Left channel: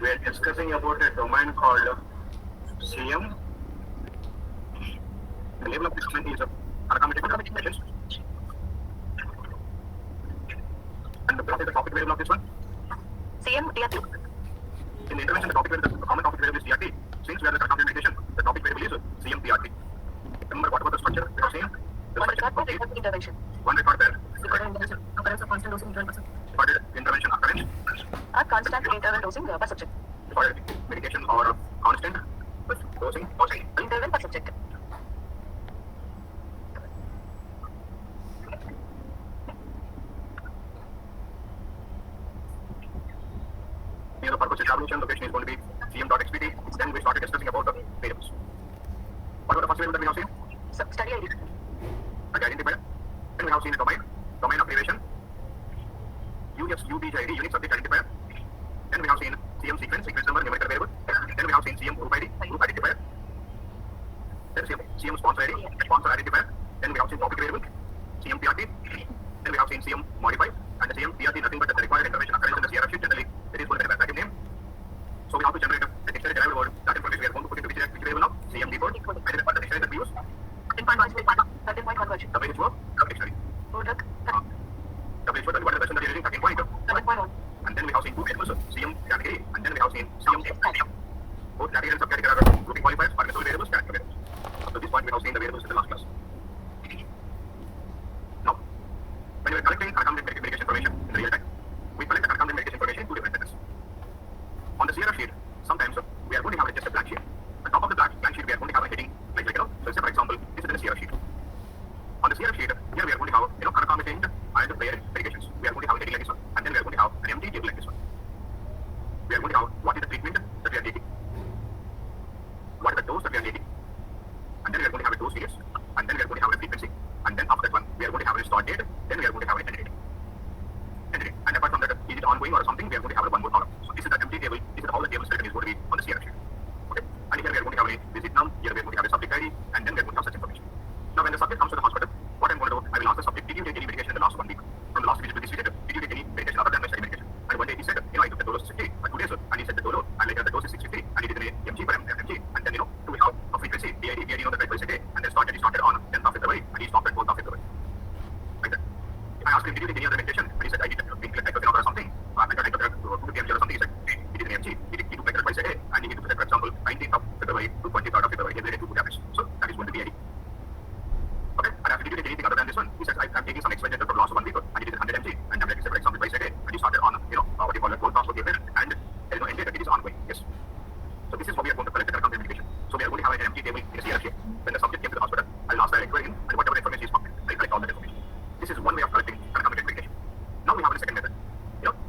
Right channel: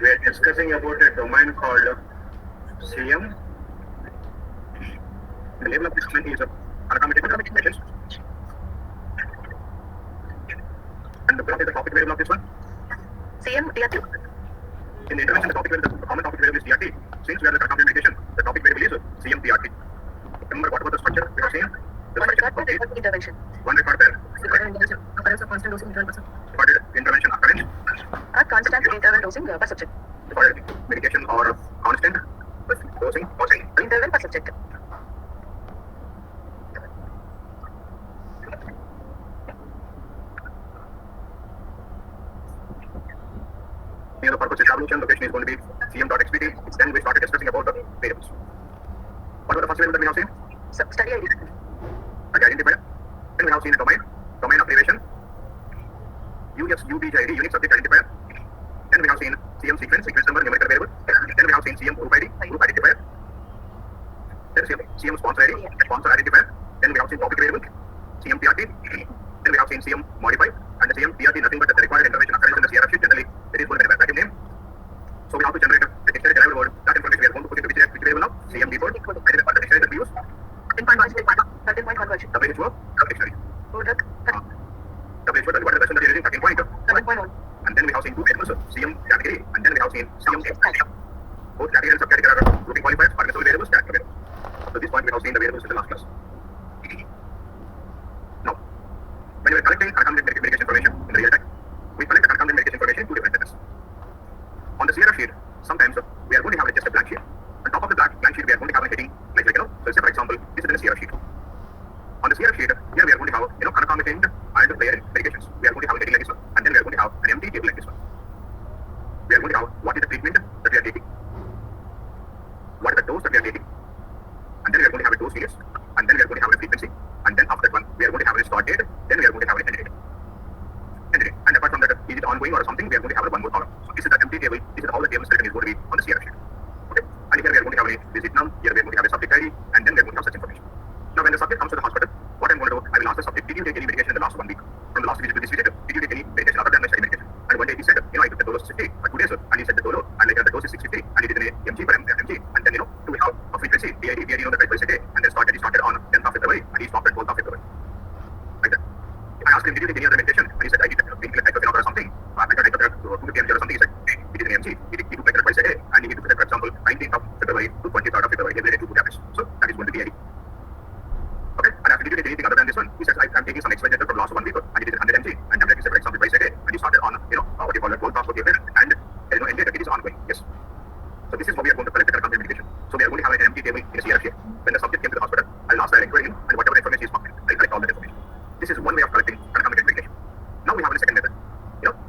We are discussing about a domain called CM. The label of this domain is unaccommodated communications. And what is the topic variable of this one? CM DRT. In the intervention, the topic variable, the common topic variable is DRT. Since we are the unaccommodated medication, the topic variable is CM DRT. Remember what was the structure we were saying? The One structure record per intervention. one record there. Occurrence of constant dosing interval per subject. Recorded intervention occurrence. A constant interval dosing per subject. Recorded medication or constant dosing or saying. Interval per subject. Here the purpose establishment location is going to be cm.xpt. Then we started discussing about the variables. What was the first variable that we have seen? Study ID. Okay, identifier. Then we have seen a domain of derivation, UBJID, unique subject identifier. Then we have seen CM sequence number, numerical variable. Then we have seen CM group identifier. Then CM sponsor ID, sponsor identifier. Then we have seen topic variable, CM PRT. Then we have seen CM modify, and the CM PRT nothing but the required information occurrence in the CRF sheet. Generally, it is going to be a package name. So we have to generate a dictionary derived word. That information we are going to put into which variable now? CM default. And the dictionary that we use. 13.1 conversion. WHO dictionary. Product. WHO, what is the version that you are using? 13.1. And then we have seen two variables, CM category, and then we have seen CM subcategory. Both category and subcategory are grouping qualifiers, permissible variables, category variables. Up to this point, we have seen the variables in the last class. Now, when we are collecting unaccommodated medication information in the real time, we collect the unaccommodated medication information in two different methods. On the CRF sheet, sometimes we are going to have just a blank sheet. On top of the blank sheet, we are going to have a heading like so say for example, this is in the CRF sheet. On the CRF sheet, here we are going to have unaccommodated and player medications. We are going to have a heading like this one, and then we are going to have an empty table like this one. We are going to have what is the treatment that we are taking, what is the dose that we are taking, and then we are going to have a dose series, and then we are going to have a frequency, and then after that one, we are going to have a start date, then we are going to have an end date. And apart from that, is it ongoing or something, we are going to have one more column. So this is the empty table, this is all the tables that is going to be on the CRF sheet. Okay, and here we are going to have a visit num, here we are going to have a subject ID, and then we are going to have such information. Now when the subject comes to the hospital, what I'm going to do, I will ask the subject, did you take any medication in the last 1 week? From the last visit to this visit, did you take any medication other than my study medication? And one day he said, I took the dose 60, but 2 days, and he said the dose, and later the dose is 650, and he did an mg per mg, and then do we have a frequency, BID the right twice a day, and then he started on 10th of February, and he stopped at 12th of February. Like that. I asked him, did you take any other medication? And he said, I did painkiller or something. I took 250 mg or something. He said, he did an mg, he took like twice a day, and he took, for example, 19th of February to 23rd of February, every day 2 tablets. So that is going to be BID. Okay, and after did you take anything other than this one? He says, I'm taking some extra for the last 1 week, and he did 100 mg, and tablet, for example, twice a day, and he started on, what you call it, 12 hours for the effect, and there is no end date, it is ongoing. Yes. So this is how we are going to collect the unaccommodated medication. So we are going to have an empty table in a CRF sheet. When the subject came to the hospital, I'll ask the inquiry in, and whatever information is pumped in, I'll collect all that information. This is one way of collecting unaccommodated medication. Now we have a second method.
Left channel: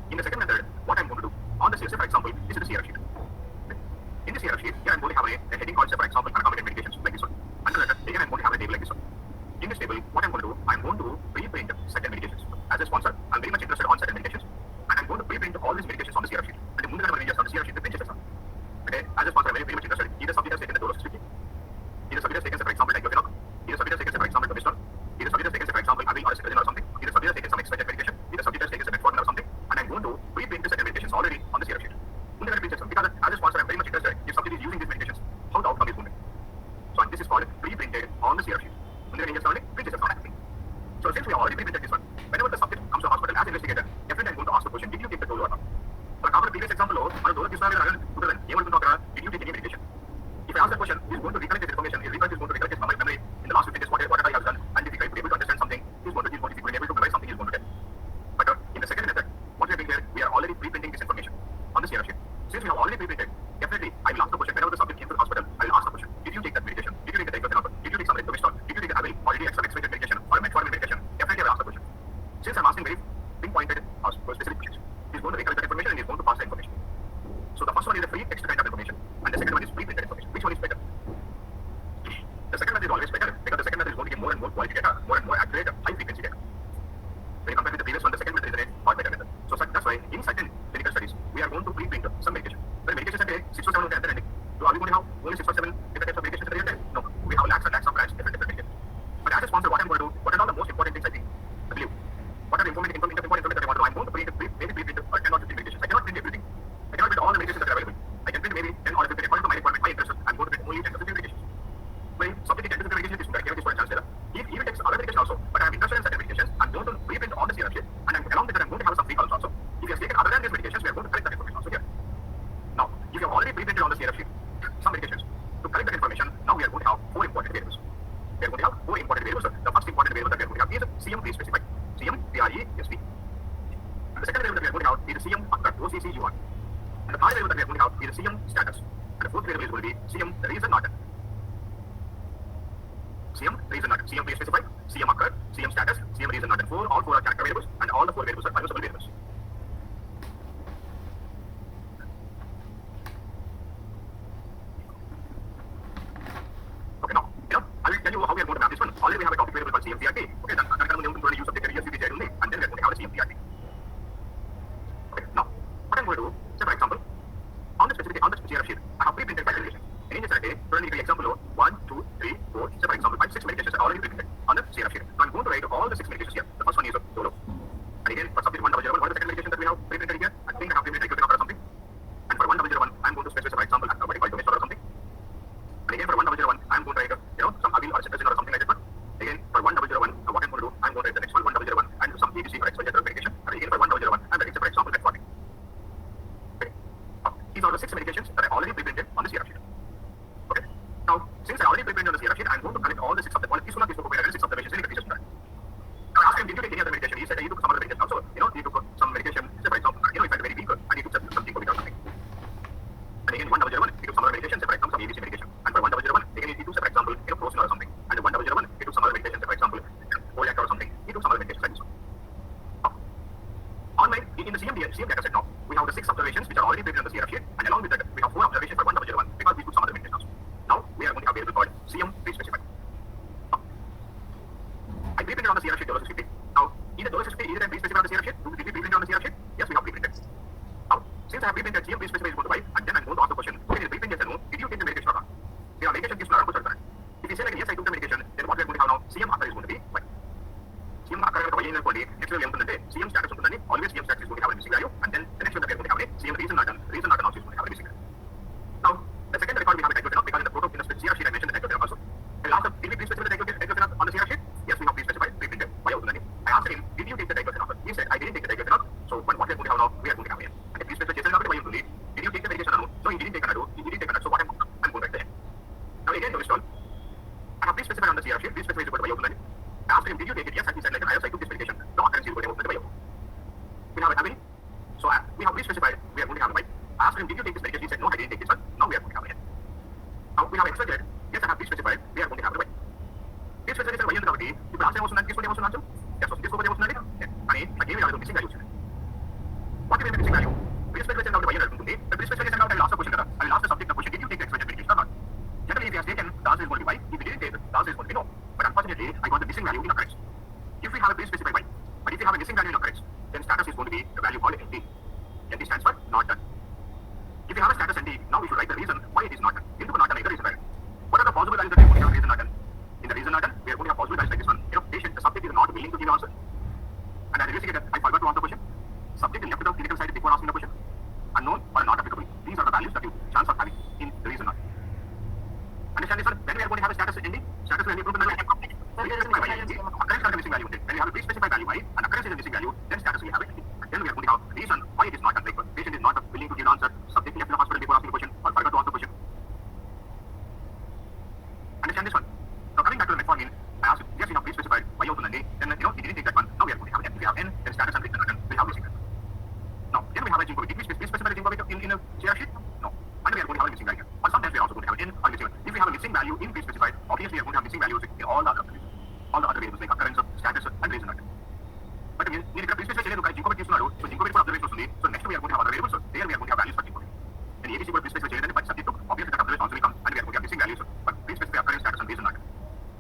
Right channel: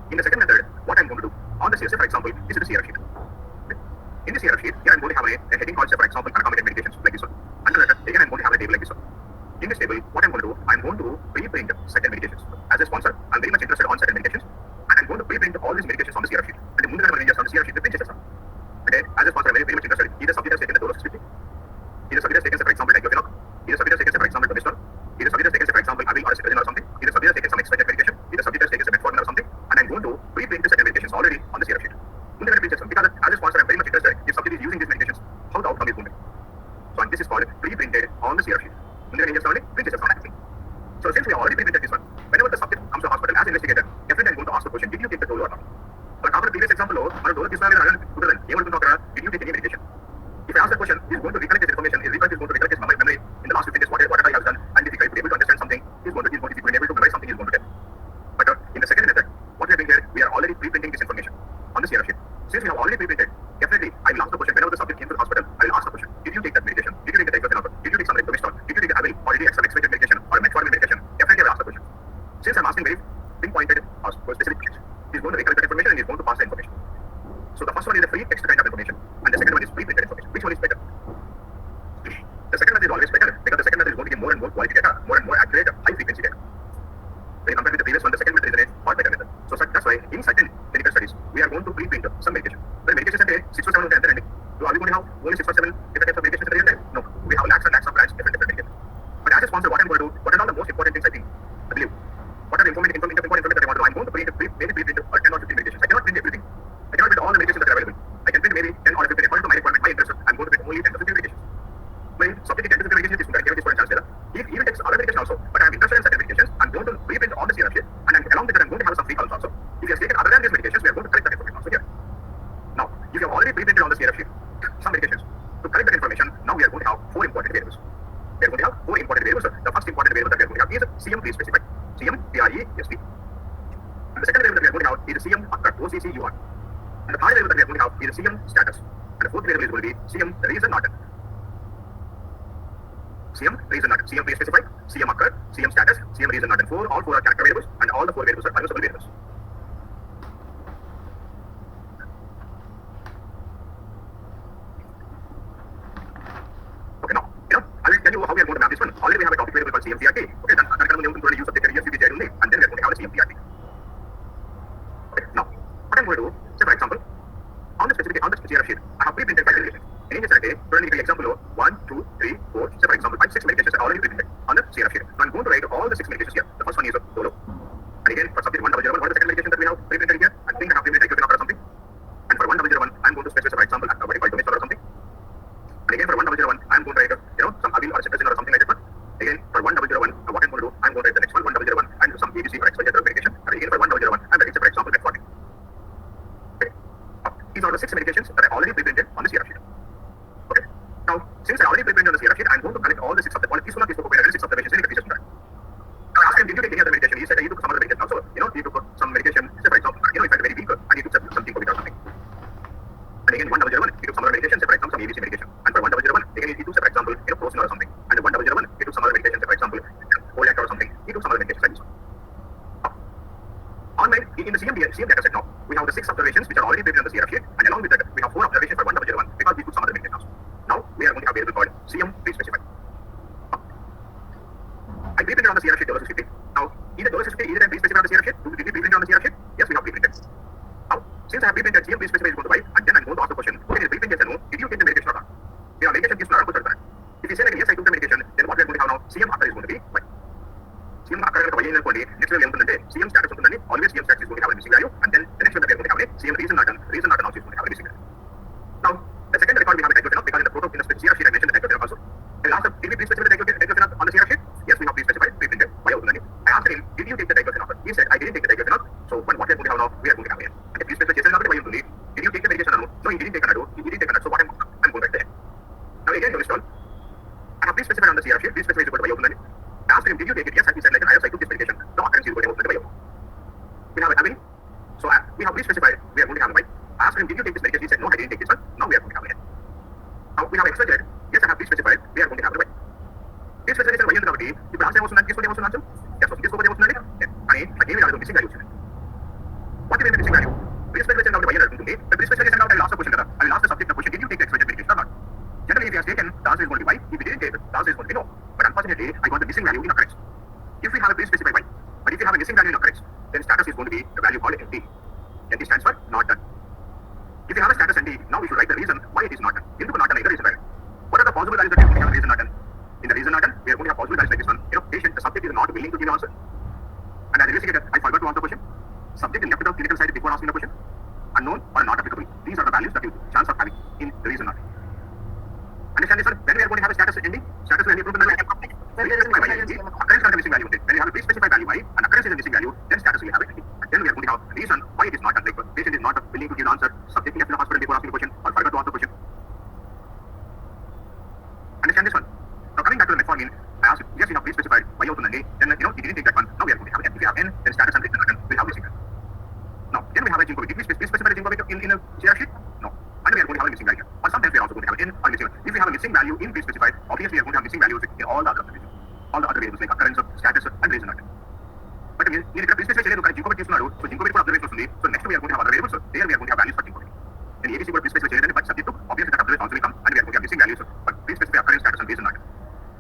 In the second method, what I'm going to do, on the CRF, for example, this is the CRF sheet. In the CRF sheet, here I'm going to have a heading called, say, for example, unaccommodated medications, like this one. Under that, again, I'm going to have a table like this one. In this table, what I'm going to do, I'm going to pre-print certain medications. As a sponsor, I'm very much interested on certain medications, and I'm going to pre-print all these medications on the CRF sheet. And the Mundana managers on the CRF sheet, the print okay, as a sponsor, I'm very much interested. Either subject has taken the dose of 60, either subject has taken, say, for example, diclofenac, either subject has taken, say, for example, Tobiston, either subject has taken, say, for example, Avil or cetirizine or something, either subject has taken some expired medication, either subject has taken some metformin or something, and I'm going to pre-print the certain medications already on the CRF sheet. Because as a sponsor, I'm very much interested if subject is using these medications, how the outcome is going to be. So and this is called pre-printed on the CRF sheet. So since we already pre-printed this one, whenever the subject comes to the hospital as investigator, definitely I'm going to ask the question, did you take the dose or not? Like after the previous example, did you take any medication? If I ask the question, he's going to recollect this information, he's going to recollect his memory in the last 15 days, whatever I have done, and if he's able to understand something, he's going to be able to memorize something, he's going to get. But in the second method, what we are doing here, we are already pre-printing this information on the CRF sheet. Since we have already pre-printed, definitely I will ask the question, whenever the subject came to the hospital, I will ask the question, did you take that medication? Did you take the diclofenac? Did you take some Tobiston? Did you take the Avil? Or did you take some expected medication or metformin medication? Definitely I will ask the question. Since I'm asking very pinpointed specific questions, he's going to recollect that information and he's going to pass the information. So the first one is the free text kind of information, and the second one is pre-printed information. Which one is better? The second method is always better because the second method is going to give more and more quality data, more and more accurate, high frequency data. When you compare with the previous one, the second method is a far better method. So that's why in certain clinical studies, we are going to pre-print some medication. When medications are 6 or 7 on the ending, so are we going to have only 6 or 7 different types of medications in the real time? No. We have lakhs and lakhs of brands, different medications. But as a sponsor, what I'm going to do, what are all the most important things I think, I believe, what are the important information that I want to do? I'm going to maybe pre-print 10 or 15 medications. I cannot print everything. I cannot print all the medications that are available. he has taken other than these medications, we are going to collect that information also here. Now, if you have already pre-printed on the CRF sheet some medications, to collect that information, now we are going to have four important variables. We are going to have four important variables. The first important variable that we are going to have is CM pre-specified, CM PRESP. And the second variable that we are going to have is CM occurred, OCCUR. And the third variable that we are going to have is CM status. And the fourth variable is going to be CM reason not done. CM reason not done, CM pre-specified, CM occurred, CM status, CM reason not done. All four are character variables, and all the four variables are permissible variables. Okay, now, I will tell you how we are going to map this one. Already we have a topic variable called CMPRT. Okay, then I'm going to use subject area CPJ only, and then we are going to have a CMPRT. Okay, now, what I'm going to do, say for example, on the CRF sheet, I have pre-printed 5 medications. In this day, currently the example of 1, 2, 3, 4, say for example, 5, 6 medications are already pre-printed on the CRF sheet. Now I'm going to write all the 6 medications here. The first one is solo. And again, for subject 1001, what is the second medication that we have pre-printed here? I think I have pre-printed diclofenac or something. And for 1001, I'm going to specify, for example, what I call domestic or something. And again, for 1001, I'm going to write, some avil or cetirizine or something like that. Again, for 1001, what I'm going to do, I'm going to write the next one, 1001, and some ABC for XYZ medication. And again, for 1001, I'm writing, for example, metformin. Okay. These are the 6 medications that I already pre-printed on the CRF sheet. Okay. Now, since I already pre-printed on the CRF sheet, I'm going to collect all the 6 of the all these 6 observations in the medication track. Now, I asked him, did you take any other medication? He said that he took some other medication also. He took some medication. Say, for example, if I felt very weak, and he took something COVID or something. And again, 1001, he took some other medication, say, for example, some ABC medication. And for 1001, again, he took, say, for example, Prosin or something. And 1001, he took some other medication, say, for example, Foliac or something. He took some other medication like this one. In the CM data set now, we have the 6 observations which are already pre-printed on the CRF sheet, and along with that, we have 4 observations for 1001 because we took some other medication also. Now, we are going to have a variable called CM pre-specified. I pre-printed on the CRF sheet $50. Now, either $50 either I pre-specified on the CRF sheet, did we pre-printed on the CRF sheet? Yes, we have pre-printed. Now, since I have pre-printed CM pre-specified is going to buy, and then I'm going to ask the question, okay, is pre-print yes or no? Did you take the medication or not? If your medication gives no answer, if you say like yes, I took the medication, then what we are going to have now, CM after is going to be Y. CM after next level ఉంటుందంటే CM status ఉంటుందని always CM status is going to have a missing value, and then the next one that we are going to have CM reason not done also is going to have a missing value. Now, the second record we have a diclofenac because in the CRF sheet I mentioned the diclofenac also. I asked him, did we pre-specify the diclofenac on the CRF sheet? Yes, we have pre-specified, pre-printed. Why అవుతుందని? I asked him, did you take the diclofenac? He said, I didn't take the diclofenac. So, what we are going to have now, we are going to have here. And pre-specify చేసిన కాబట్టి why ఉంటుంది? Did you take the medication? No, he didn't take అన్నాడు. He didn't take అన్నాడు. So, what I'm going to write there. Now, again, to install, I have pre-specified on the CRF sheet, pre-specified is why అవుతుందని. I asked him, did you take it? Yes, and he said, like, I took this medication. No occurrence is going to happen. We have a avil. So we have pre-specified, we are going to have a Y. I asked him, did you take this medication? He said, no, I didn't take this one. Now we are going to have a Y. Now we have XYZ. Yes, I have pre-specified, we are going to have a Y. Pre-specified Y ఉంది కాబట్టి ఇప్పుడు answer ఏమొస్తుందంటే తీసుకుంటే ఏమొస్తుందంటే yes వస్తుంది తీసుకోకపోతే ఏమొస్తుందండి కానీ నాకు ఏమీ రాలేదు మిస్సింగ్ వాల్యూ వచ్చింది what is missing value pre-specified చేసిన కాబట్టి Y అడుగుతుంది pre-specified చేసిన కాబట్టి లాస్ట్ క్వశ్చన్ కదా అది last subject question did you take XYZ medication or not? Generally, if he has taken, the answer is going to be Y. If he didn't take, the answer is going to be no. But unfortunately, I got the missing value in occurrence. If we have a pre-specified Y, but if you have a missing value in occurrence, then status is going to be the value called NT. NT stands for not done. If you have a status NT, now we should write the reason why it is not done. ఎందుకు not done either reason value. What are the possible values that we are going to have in reason not done? In the reason not done, we are going to have possible values like this one. Patient, the subject is not willing to give an answer. And as a investigator, I forgot to answer the question. Subject is left without clinical side before asking the question. Unknown or not applicable. These are the values that you chance of having in the reason not done. Understand this one? Then we are going to have a status ending. Status will end from the occurrence has a missing value. Then we have a pre-specified value Y, and occurrence is a missing value. Then status will have it. And then we are going to have reason why it is not done. Like patient is not willing to give an answer. Subject left in the hospital before asking the question, or forgot to answer the question. Understand this one? Now coming back to the metformin, I asked, yes, we have pre-specified Y అవుతుందండి. Then he didn't take that one. Now we are going to have N. If we have N, then status and reason not done will have missing value. Now then we have a zinc COVID. Did we pre-specify the zinc COVID in a CR sheet? No. And we are going to have a missing value. Or sometimes we are also going to have an N or missing value. If we have a missing value in pre-specified, obviously we are going to have missing values in all the other observations. All the other variables like occurrence, status, and reason not done. But నేను ఇక్కడ pre-specify చేయలేదు కానీ జింకోబెట్ తీసుకున్నాడు. So జింకోబెట్ కూడా observation వస్తుంది. So next we are going to have other variables. There we are going to have values for జింకోబెట్. నేను ABC కూడా pre-specify చేయలేదని but subject to obviously that observation also will come and we are going to have missing values. But pre-specify occurrence, status, and reason not done.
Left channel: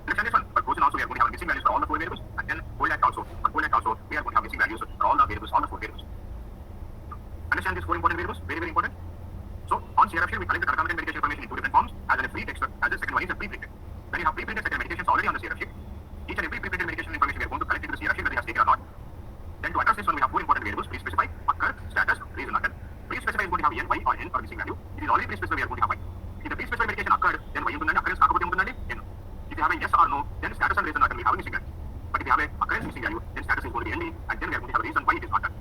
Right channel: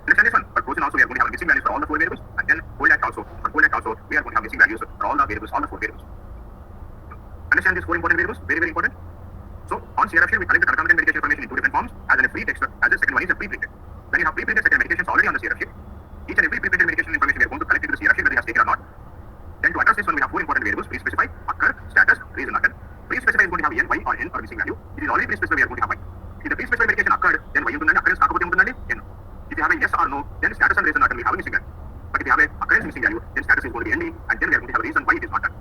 Understand this one? But Prosin also we are going to have missing values for all the 4 variables. And then Foliac also. For Foliac also we are going to have missing values for all the variables, all the 4 variables. Understand these 4 important variables? Very, very important. So, on CRF sheet, we collect the concomitant medication information in 2 different forms, as in a free text, as the second one is a pre-printed. When you have pre-printed second medications already on the CRF sheet, each and every pre-printed medication information we are going to collect into the CRF sheet whether it has taken or not. Then to address this one, we have 4 important variables, pre-specify, occur, status, reason not done. Pre-specify is going to have N, Y or N or missing value. If it is already pre-specified, we are going to have Y. If the pre-specified medication occurred, then Y ఉంటుందండి, occurrence కాకపోతే ఉంటుందండి, N. If you have a yes or no, then status and reason not done will have a missing value. But if you have a occurrence missing value, then status is going to be ND, and then we are going to have a reason why it is not done.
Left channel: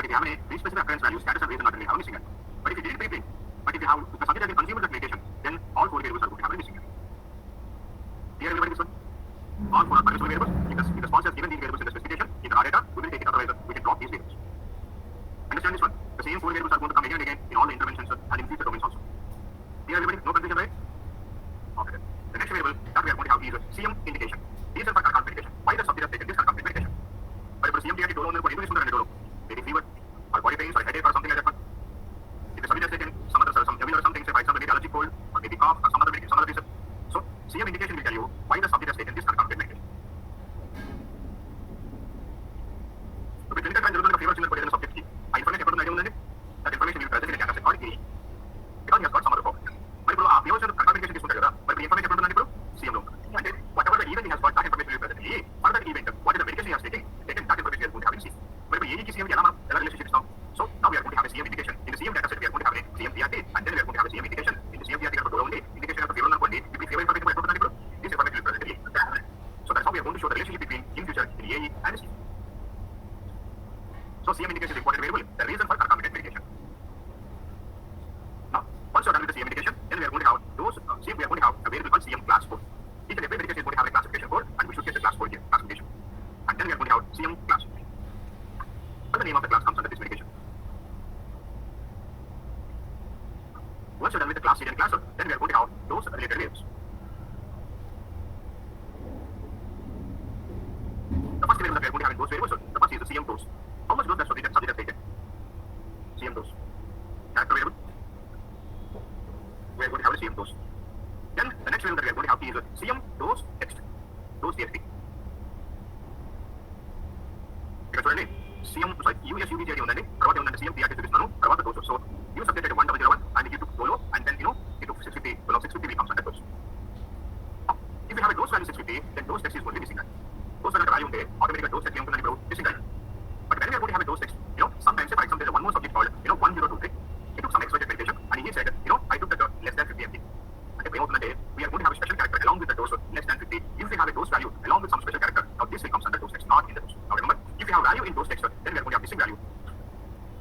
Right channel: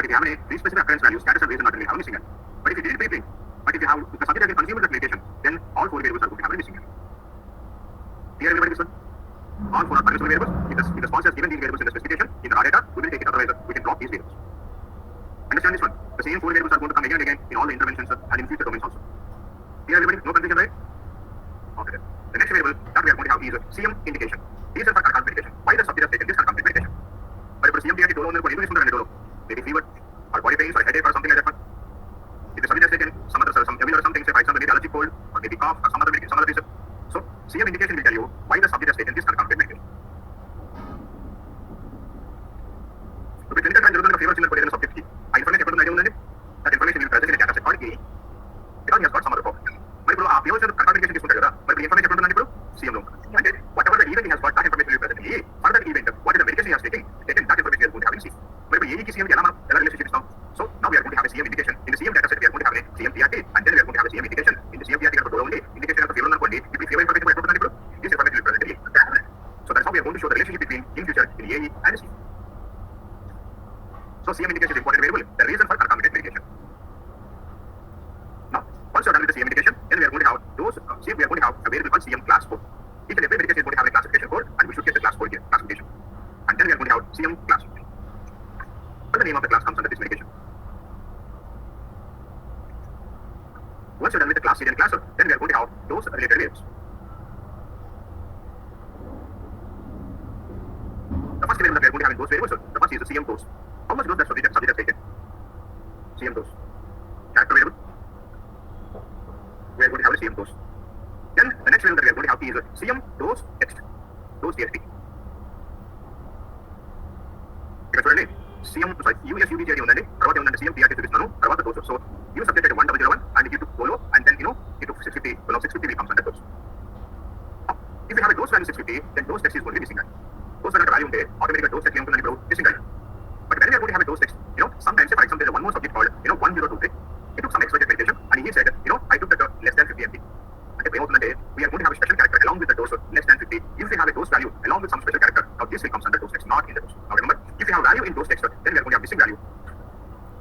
But if you have a pre-specified occurrence value, status and reason not really have a missing error. But if you did it briefly, but if the subject has been consumed with meditation, then all four variables are going to have a missing error. Clear everybody this one? All four are permissible variables. If the sponsor has given these variables in the specification, in the raw data, we will take it, otherwise we can drop these variables. Understand this one? The same four variables are going to come again and again in all the interventions and in future domains also. Clear everybody? No confusion, right? Okay then. The next variable that we are going to have is CM indication. These are for concurrent medication. Why the subject has taken this concurrent medication? But if CM TRT dolo under dolo, maybe fever or body pains or headache or something like that one. If the subject has taken some evil or something, say for example maybe allergic cold or maybe cough or some other reason. So CM indication will tell you why the subject has taken this concurrent medication. So the clinical trial fever in the subject key. Information that information will present in a data set called A because he has got some other problem. But if you have concurrent medication but the information CM loan. And then whatever the event he has got, that information will be present in A. For that event, what is the medication he has taken that information we are going to have in C. But A ki CM relationship is now. So now we are going to have a CM indication. In the CM data set, we are going to have a CM TRT, and then we are going to have a CM indication. In the CM TRT, only indication of the fever only. If we fever information this information will be present in A. So that's how we are going to show the relationship between in future in A and C. So CM indication is important variable. The reason for concomitant medication. Now, once you are done with the CM indication, then we are going to have those. We are going to have a variable called CM class code. Each and every medication is going to have a classification code, and we should get the class code here, classification. And then we are going to have CM class. What the name of the class comes under this medication. Once you're done with the class seed and class, then we are going to have those related variables. The first variable that we are going to have in those variables, the first is the CM dose. How much dose that subject has taken? CM dose. Character variable. We are going to have a CM dose. Then the next variable that we are going to have is CM dose text. Dose TXT. ఇక్కడ చూడండి CM USUBJD ఉందండి తర్వాత ఉందండి CM TRT చూపిస్తున్నాను తర్వాత dose. So you subjected 1001 and you took dolo and then you took 650. Well, 650 becomes under dose. If you have a dose value 650, then dose text is going to be missing. Dose value ఉంటే automatically dose text ఏముంటుందని ఇప్పుడు missing. But when we are going to have a dose text, sometimes say for example there is one more subject called 1023. He took some extra medication and he said I took the less than 50 mg. We are going to have a special character along with the dose less than 50. If we have a dose value along with some special character, now this will come under dose text, not in the dose. Now remember, if you have value in dose text, then we are going to have missing value.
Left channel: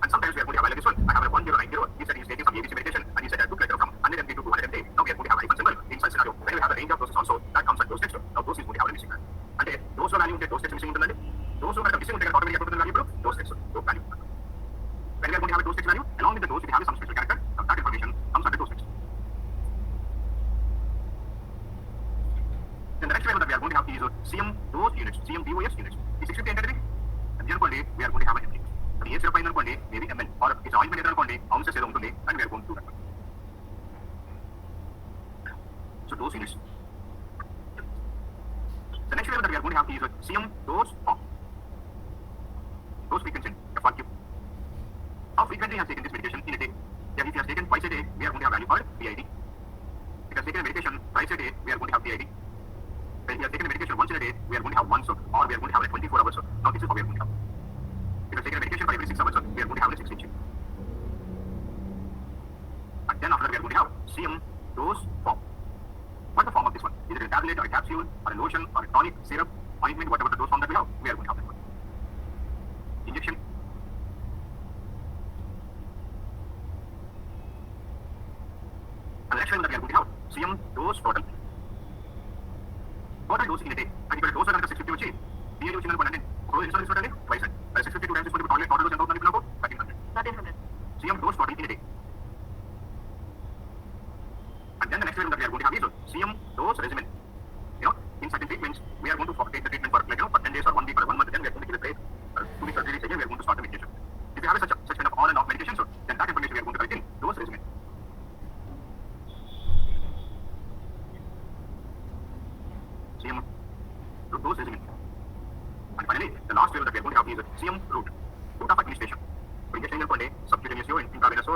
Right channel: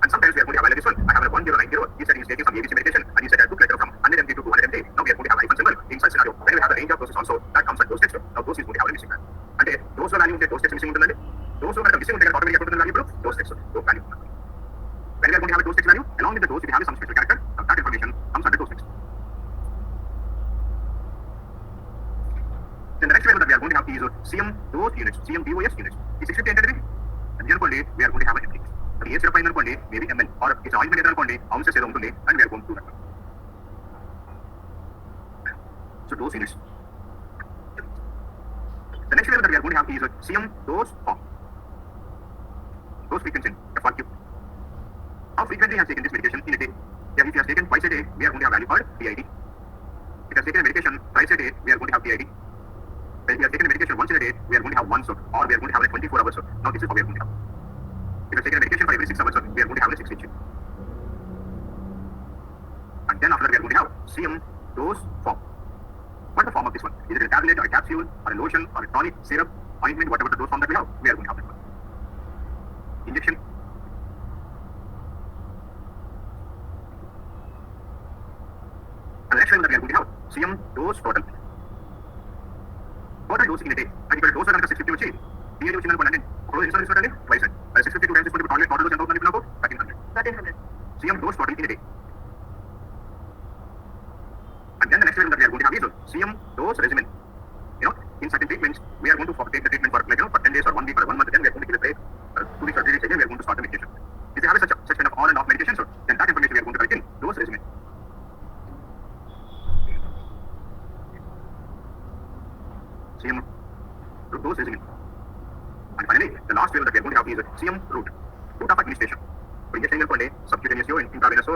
And sometimes we are going to have like this one. I have a 1090. He said he is taking some ABC medication and he said I took letter from 100 mg to 200 mg. Now we are going to have a hyphen symbol in such scenario. When we have a range of doses also, that comes under dose text. Now dose is going to have a missing value. And dose value unte dose text missing untundi. Dose missing unte automatically value dose text dose value. When we are going to have a dose text value along with the dose, we have some special character. Now that information comes under dose text. Then the next variable that we are going to have is CM dose units, CM DOS units. Is 650 entered in? And then we are going to have an MT. But A 0.9 అనుకోండి maybe ml or it's ointment అనుకోండి ounces ఏదో ఉంటుంది and we are going to do that. So dose units. The next variable that we are going to have is CM dose form. Dose frequency, FRQ. How frequently he has taken this medication in a day? If he has taken twice a day, we are going to have value called PID. If he has taken a medication twice a day, we are going to have PID. When we have taken a medication once in a day, we are going to have once or we are going to have like 24 hours. Now this is how we are going to have. If we have taken a medication for every 6 hours, we are going to have a 6 inch. And then after that, we are going to have CM dose form. What is the form of this one? Is it a tablet or a capsule or a lotion or a tonic, syrup, ointment, whatever the dose form that we have, we are going to have that one. Injection. And the next one that we are going to have CM dose total. Total dose in a day. And if you dose another 650 వచ్చి DAD వచ్చింది అనుకోండి ఒక insulin ఇస్తుందండి twice. 650 times తీసుకుంటే total dose ఎంత అవుతుంది నాకు 1300. CM dose total in a day. And then the next one that we are going to have is CM dose regimen. In certain treatments, we are going to take the treatment for for 10 days or 1 week or 1 month. Then we are going to give a break. 2 weeks or 3 days again, we are going to start the medication. If you have such kind of on and off medication, then that information we are going to collect in dose regimen. CM dose regimen. And finally, the last variable that we are going to have is CM route of administration. So injection subcutaneous intravenous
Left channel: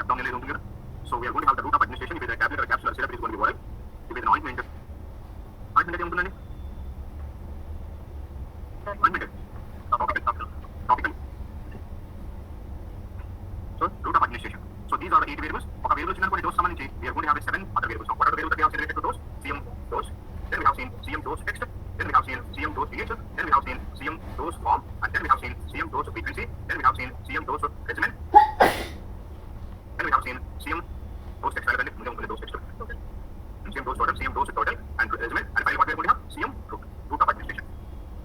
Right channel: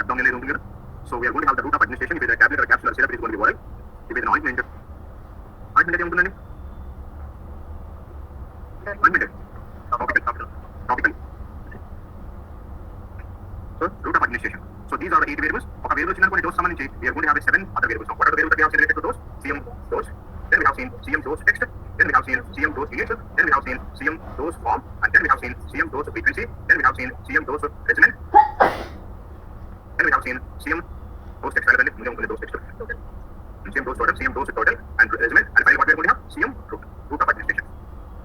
abdominal. So we are going to have the route of administration. If it is a tablet or a capsule or syrup, it is going to be oral. If it is an ointment topical. So route of administration. So these are the 8 variables. Okay, variables dose we are going to have 7 other variables. Now, what are the variables that we have related to those? CM dose. Then we have seen CM dose text. then we have seen CM dose pH, then we have seen CM dose form, and then we have seen CM dose frequency, then we have seen CM dose regimen, then we have seen CM dose text and dose text total, CM dose total, CM dose total, and regimen, and finally what we are going to have CM route of administration.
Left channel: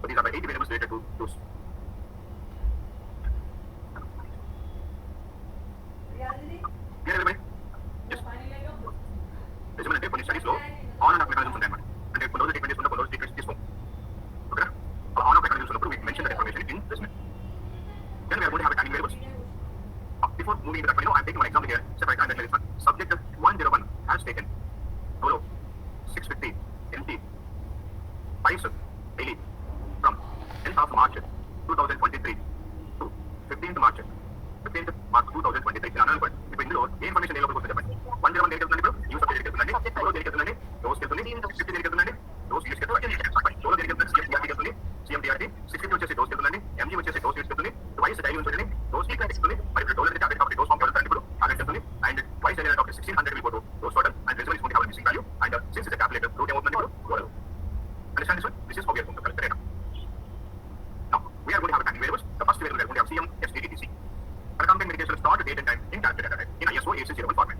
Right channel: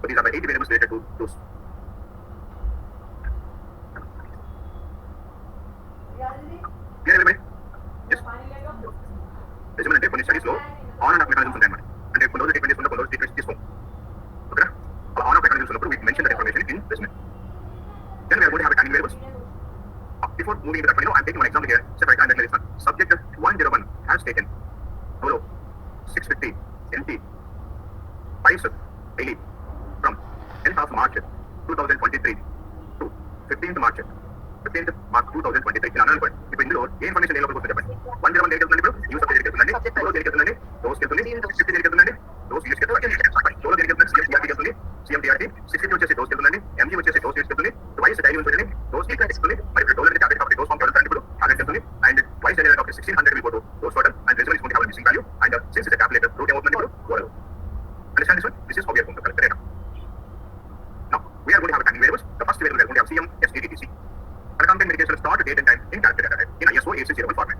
So these are the 8 variables related to dose. Clear everybody? Yes. Regimen అంటే కొన్ని studies లో on and of mechanisms ఉంటాయి అన్నమాట. అంటే కొన్ని రోజులు treatment చేసుకుంటే కొన్ని రోజులు ట్రీట్మెంట్ తీసుకోం. ఓకేనా? అలా ఆన్ ఆఫ్ మెకానిజమ్స్ ఉన్నప్పుడు we mention that information in regimen. Then we are going to have timing variables. Before moving into that, I'm taking one example here. Separate and this one. Subject 101 has taken solo 650 MT twice daily from 10th of March 2023 to 15th March 2023 ఇలా అన్నాను. ఇప్పుడు ఇందులో ఏ information ఏ లోపలికి వస్తుంది చెప్పండి. 101 దేనికి వెళ్తుందండి? ఇప్పుడు యూస్ ఆఫ్ దేనికి వెళ్తుందండి? సోలో దేనికి వెళ్తుందండి? డోస్ వెళ్తుంది. 50 దేనికి వెళ్తుందండి? డోస్ యూస్ వెళ్తుంది. సోలో దేనికి వెళ్తుంది? CMDRT వెళ్తుంది. CMDRT 60 వచ్చేసి డోస్ వెళ్తుందండి. MG వచ్చేసి డోస్ యూస్ వెళ్తుంది. ట్వైస్ డైలీ ఉంటుంది. డోస్ యూస్ వెళ్తుంది. మరి ఇప్పుడు డోస్ అంటే టాబ్లెట్ కాబట్టి డోస్ ఫామ్ వెళ్తుంది. ఇప్పుడు టాబ్లెట్ వెళ్తుంది. అండ్ ట్వైస్ డైలీ కాబట్టి 1600 will go to dose total and regimen is going to have a missing value. And since it's a tablet, route ఏమవుతుంది ఇప్పుడు? Oral. Understand this one? This is how we are going to calculate data. Now we are going to have timing variables. The first variable we are going to have CM STDTC. Concomitant medication start date and time in calculated data in ISO 8601 format.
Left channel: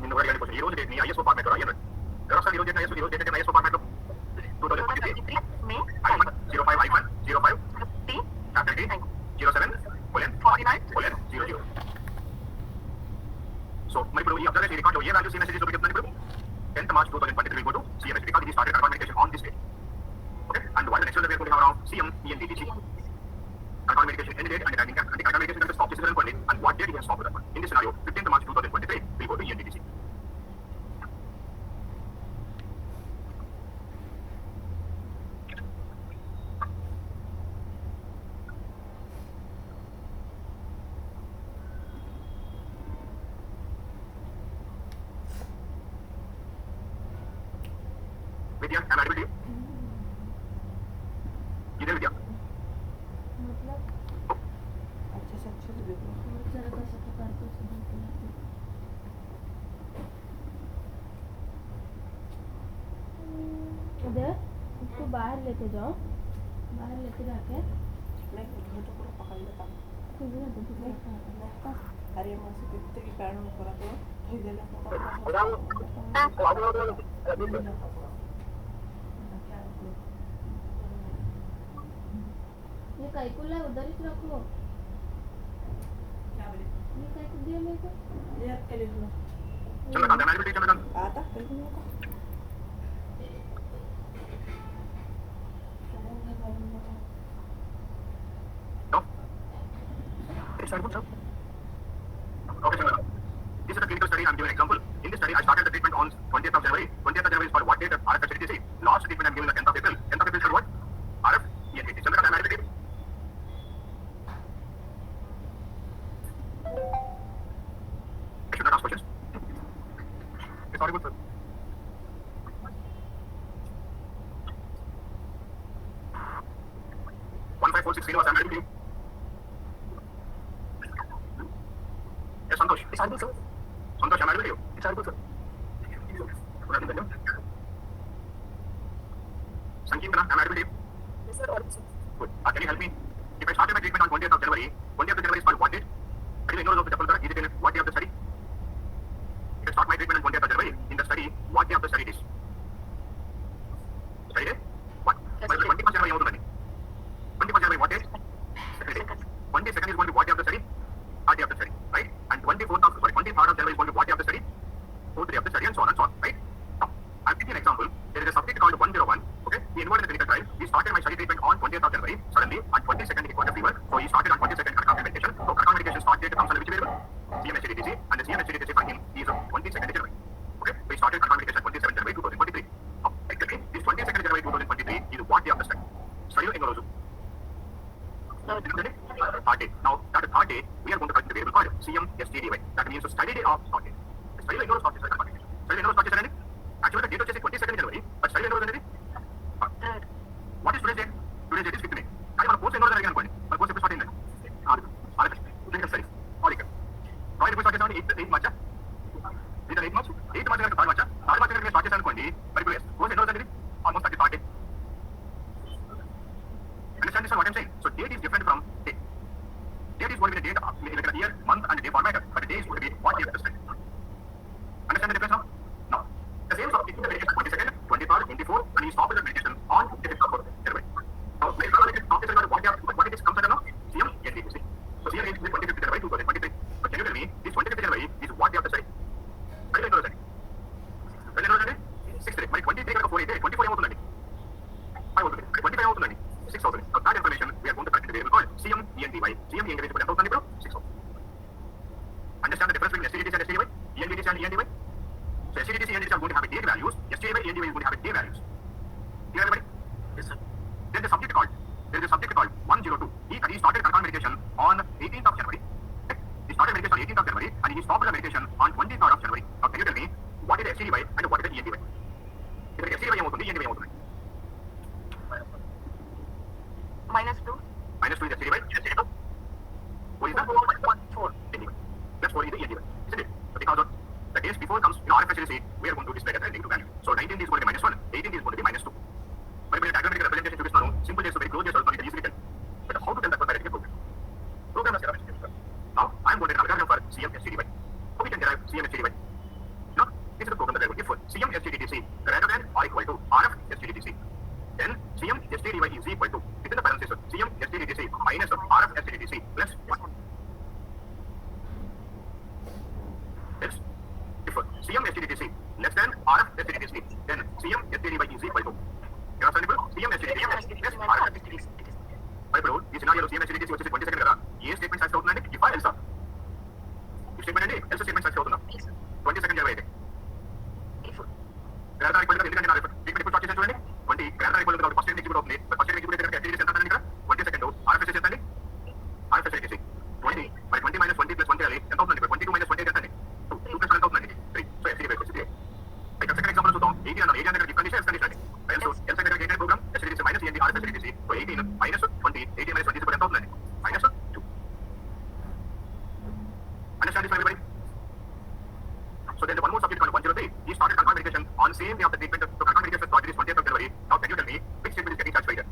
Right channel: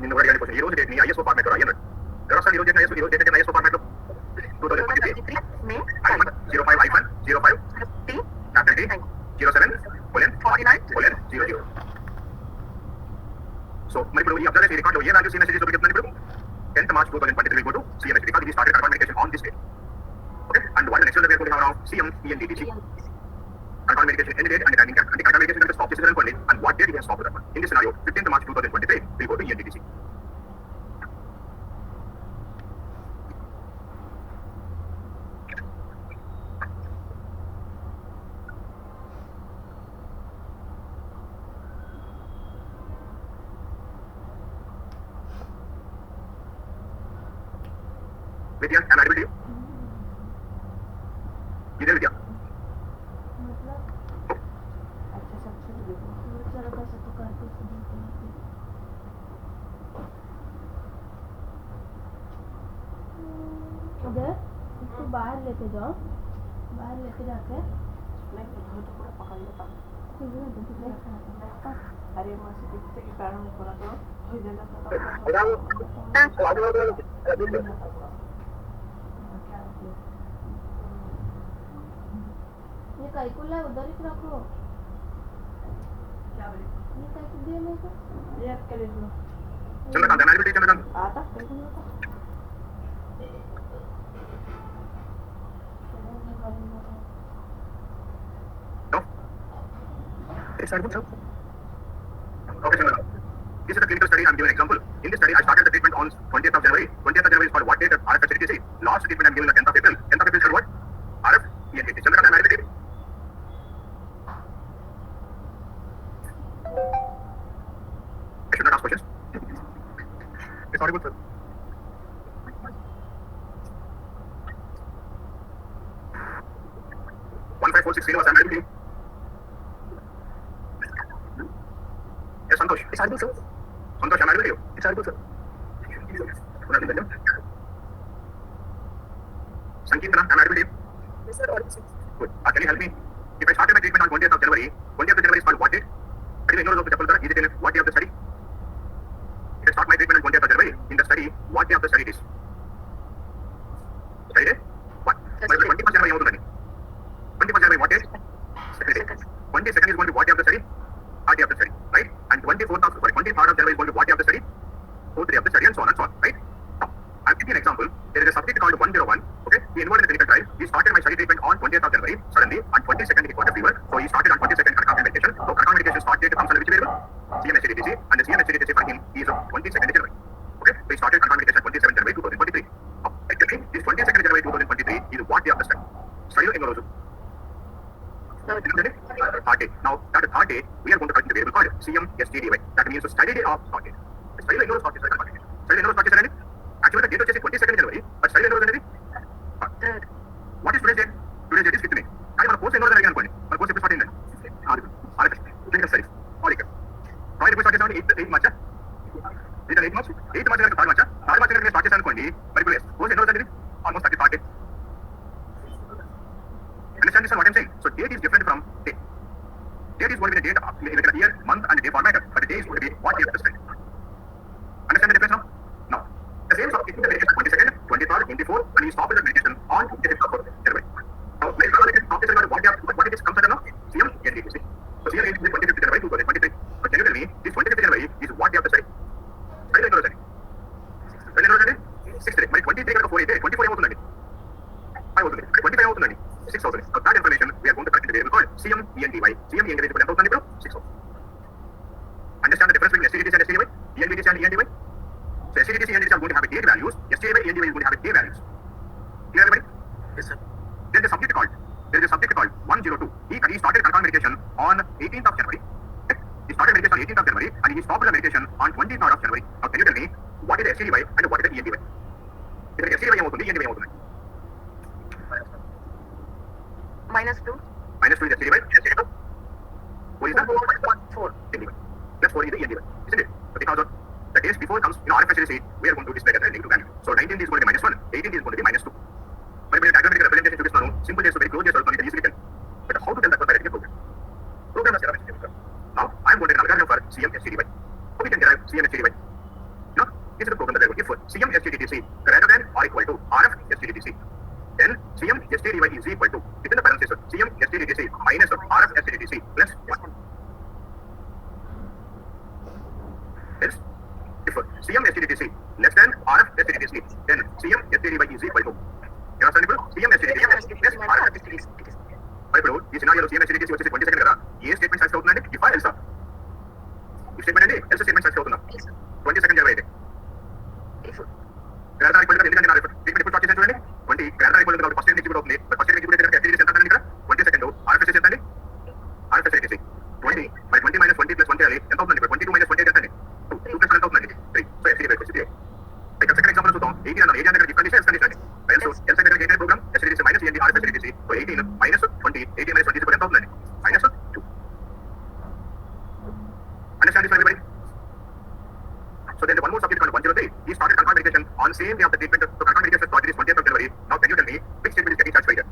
నిన్న కూడా అడిగిన question ఈ రోజు date ని ISO format లో రాయండి. ఎవరు ఈ రోజు డేట్ ISO ఫార్మాట్ లో 2023 మే 05/05 చాప్టర్ డి 07:49:00. సో మరి ఇప్పుడు ఈ అబ్జర్వేషన్ రికార్డ్ లో ఏ వాల్యూస్ ఈ మెసేజెస్ చూపిస్తుంది ఇప్పుడు 10th March 2023 go to CMS because it started concomitant medication on this date. Okay, and what the next level we are going to have now CM ENTTG. Concomitant medication end date and timing cap. And the concomitant medication stop this is and what date it has stopped with that one. In this scenario 15th March 2023 we go to ENTTG. Vidya, am I audible to you? You there, Vidya? उधर इसको बाहर लेके जाओ, बाहर लेके जाके मैं घर तो पूरा पकड़ लेता हूँ। अरे मैं से देखते कि पैरों में पूरा तो धोई देना ये काइकुला उधर ही रखो। क्या बोले? ये काइकु दिया मेरे को। ये के लिए लो। Chandrakant, am I audible to you, Chandrakant? आता बिल्कुल आता। No? It's not good, sir. Okay, Chandrakant. This is a clinical study. I'm giving an example. In this study, I started the treatment on 20th of January. 20th of January is for what date? RF facility. Last treatment I'm giving the 10th of April. 10th of April is for what? RF ENTT. Chandrakant, am I audible to you? I should not ask questions. It's audible, sir. One 546 Srinivas, I'm audible to you. Yes, Santosh. It's audible, sir. Santosh, am I audible to you? It's audible, sir. Sankirtana, am I audible to you? Yes, sir. Audible, sir. Good. Can you help me? If I started my treatment on 20th of January, 20th of January is called what date? Can you ignore the chapter? Is it in what day of the study? If I start my treatment on 20th of January, in the study, what day of the study it is? Study day? What? Yes, But 21st January, 21st January, what day? Second day. 22nd is going to be what day of the study? Third day of the study, right? And 23rd of January is going to be what day of the study? Fourth day of the study, and so on, right? Now, I'm giving an example. There is a subject called 101. Okay, he enrolled in the clinical trial. He started my study treatment on 20th of January. Suddenly, on 22nd he got a fever. So he started on 22nd concomitant medication. So concomitant medication start date comes under which variable? CMHDTC, and the CMHDTC for him is 22nd January. Okay, so he started concomitant medication 27th January 2023. Now, actually, this 22nd January 2023 is what day of the study? Study in Engorosu. Third day. Now, that third day, we are going to calculate the variable called CMSTDY. That means the study day of third day. Study in Engorosu start is study in Engorosu start is actually the date is 22nd January, but study in Engorosu is third. What is today's date? Today's date is 15th May. కానీ మన course ఎన్నో జరిగింది అనుకోండి, మన course ఎప్పుడు start అయింది? Clinical studies all ఇక్కడ project ఎప్పుడు స్టార్ట్ చేసామని 8 March 8 March 8 March third March start చేశాను అనుకోండి. మరి ఇప్పుడు కోర్స్ ఎన్నో జరిగింది? Understand this one, what I'm saying? So date is different from date. Date is going to be the date, like a year, month, and day format, but the day is going to be what day of the spend. Understand the difference now? Now, the same sort of taking the medication 22nd, 23rd, 24th, and you stop with the medication on 25th of January. Now, let's stop with what it is comes under now? CM, NDTC. So CM is 25th January 2023. But can you tell me, this 25th January is what day of the study? When is the when is the 6th day. మరి 23 కనుక 4 అయితే 24 ఏమవుతుందండి? 5 అవుతుంది. 25 అవుతుందండి. 6 అవుతుంది. So that information we are going to correct in the variable called CM ENDY. CM ENDY ఇప్పుడు ఎంత అవుతుంది ఇప్పుడు? 6 అవుతుంది. Understand the difference between STDTC and STDY? ENDTC and ENDY? So STDTC and ENDTC are going to have a date values. STDY ENDY is going to have a day values. Clear everybody? Yes, sir. There is a subject called 102. He started control medication on 18th of January. Okay? He started medication on 18th of January and he stopped the medication on 23rd of January. Now can you tell me what is the STDY and what is the ENDY? If STDY ఏమవుతుంది, ENDY ఏమవుతుంది? -2. -2 is STDY. STDY. What is that? 4. ENDY. That's 4 is the ENDY. Isn't it? So because of the days before comes, RFSLC, we are going to display as a negative value. So 19 is going to be -1, 18 is going to be -2. మరి మీరు diagrammatic representation చూపిస్తాను, simple చేసి very close చేసి వెళ్తాను, easily tell. But how to tell that directly program? Program is different. Now I am going to take an algorithm for CM STDY. How we can derive CM STDY? No, this is the program that I will give for CM STDTC greater than or equal to RF STDTC. Then CM STDY is equal to, within the parenthesis, CM STDTC minus RF STDTC plus 1. Else, if CM STDTC less than RF STDTC, then CM STDY is equal to, you understand ఇప్పుడు? CM STDTC less RF STDTC. మరి ఇప్పుడు ఈ సినారియోలో CM STDTC వచ్చేసి 22nd కదా, ఏ statement satisfy అవుతుందండి? If or ఎల్సా? ఈ స్టేట్మెంట్ అండి ఎల్స్ స్టేట్మెంట్ సాటిస్ఫై అవుతుందా? 22nd జనవరి అయితే గ్రాండ్ ఈక్వల్ గా ఎందుకంటే నా ట్రీట్మెంట్ ఇప్పుడు స్టార్ట్ చేశాను చూడండి. 20 గ్రాండ్ ఈక్వల్ గా ఫస్ట్ ఎగ్జిక్యూట్ అవుతుంది. ఫస్ట్ ఎగ్జిక్యూట్ అయితే STDTC ఎంత అండి ఇక్కడ? 22nd RFS ఎంత అండి? RFS STDTC 20 మరి 20 - 20 + 1 చేయాలి. ఎంత అవుతుంది ఇప్పుడు? 22 - 20 ఎంత అండి? 2 + 1 ఎంత అవుతుందండి? 3. So STDY STDY. ఇక్కడ సెకండ్ ఎగ్జాంపుల్ చూద్దాం. 18 అన్నాను. 18 దగ్గర డిఫరెన్స్ కండిషన్ అండి. ఎల్స్ దగ్గర ఏంటి program? STDTC minus END RFS STDTC. So 18 - 20, 18 - 20 ఎంత అవుతుందండి? -2. Understand this everybody? So there is one more subject called 103. He started control medication on same day of the treatment. So control medication started is 20th of January. Now can you tell me which statement is getting satisfied here?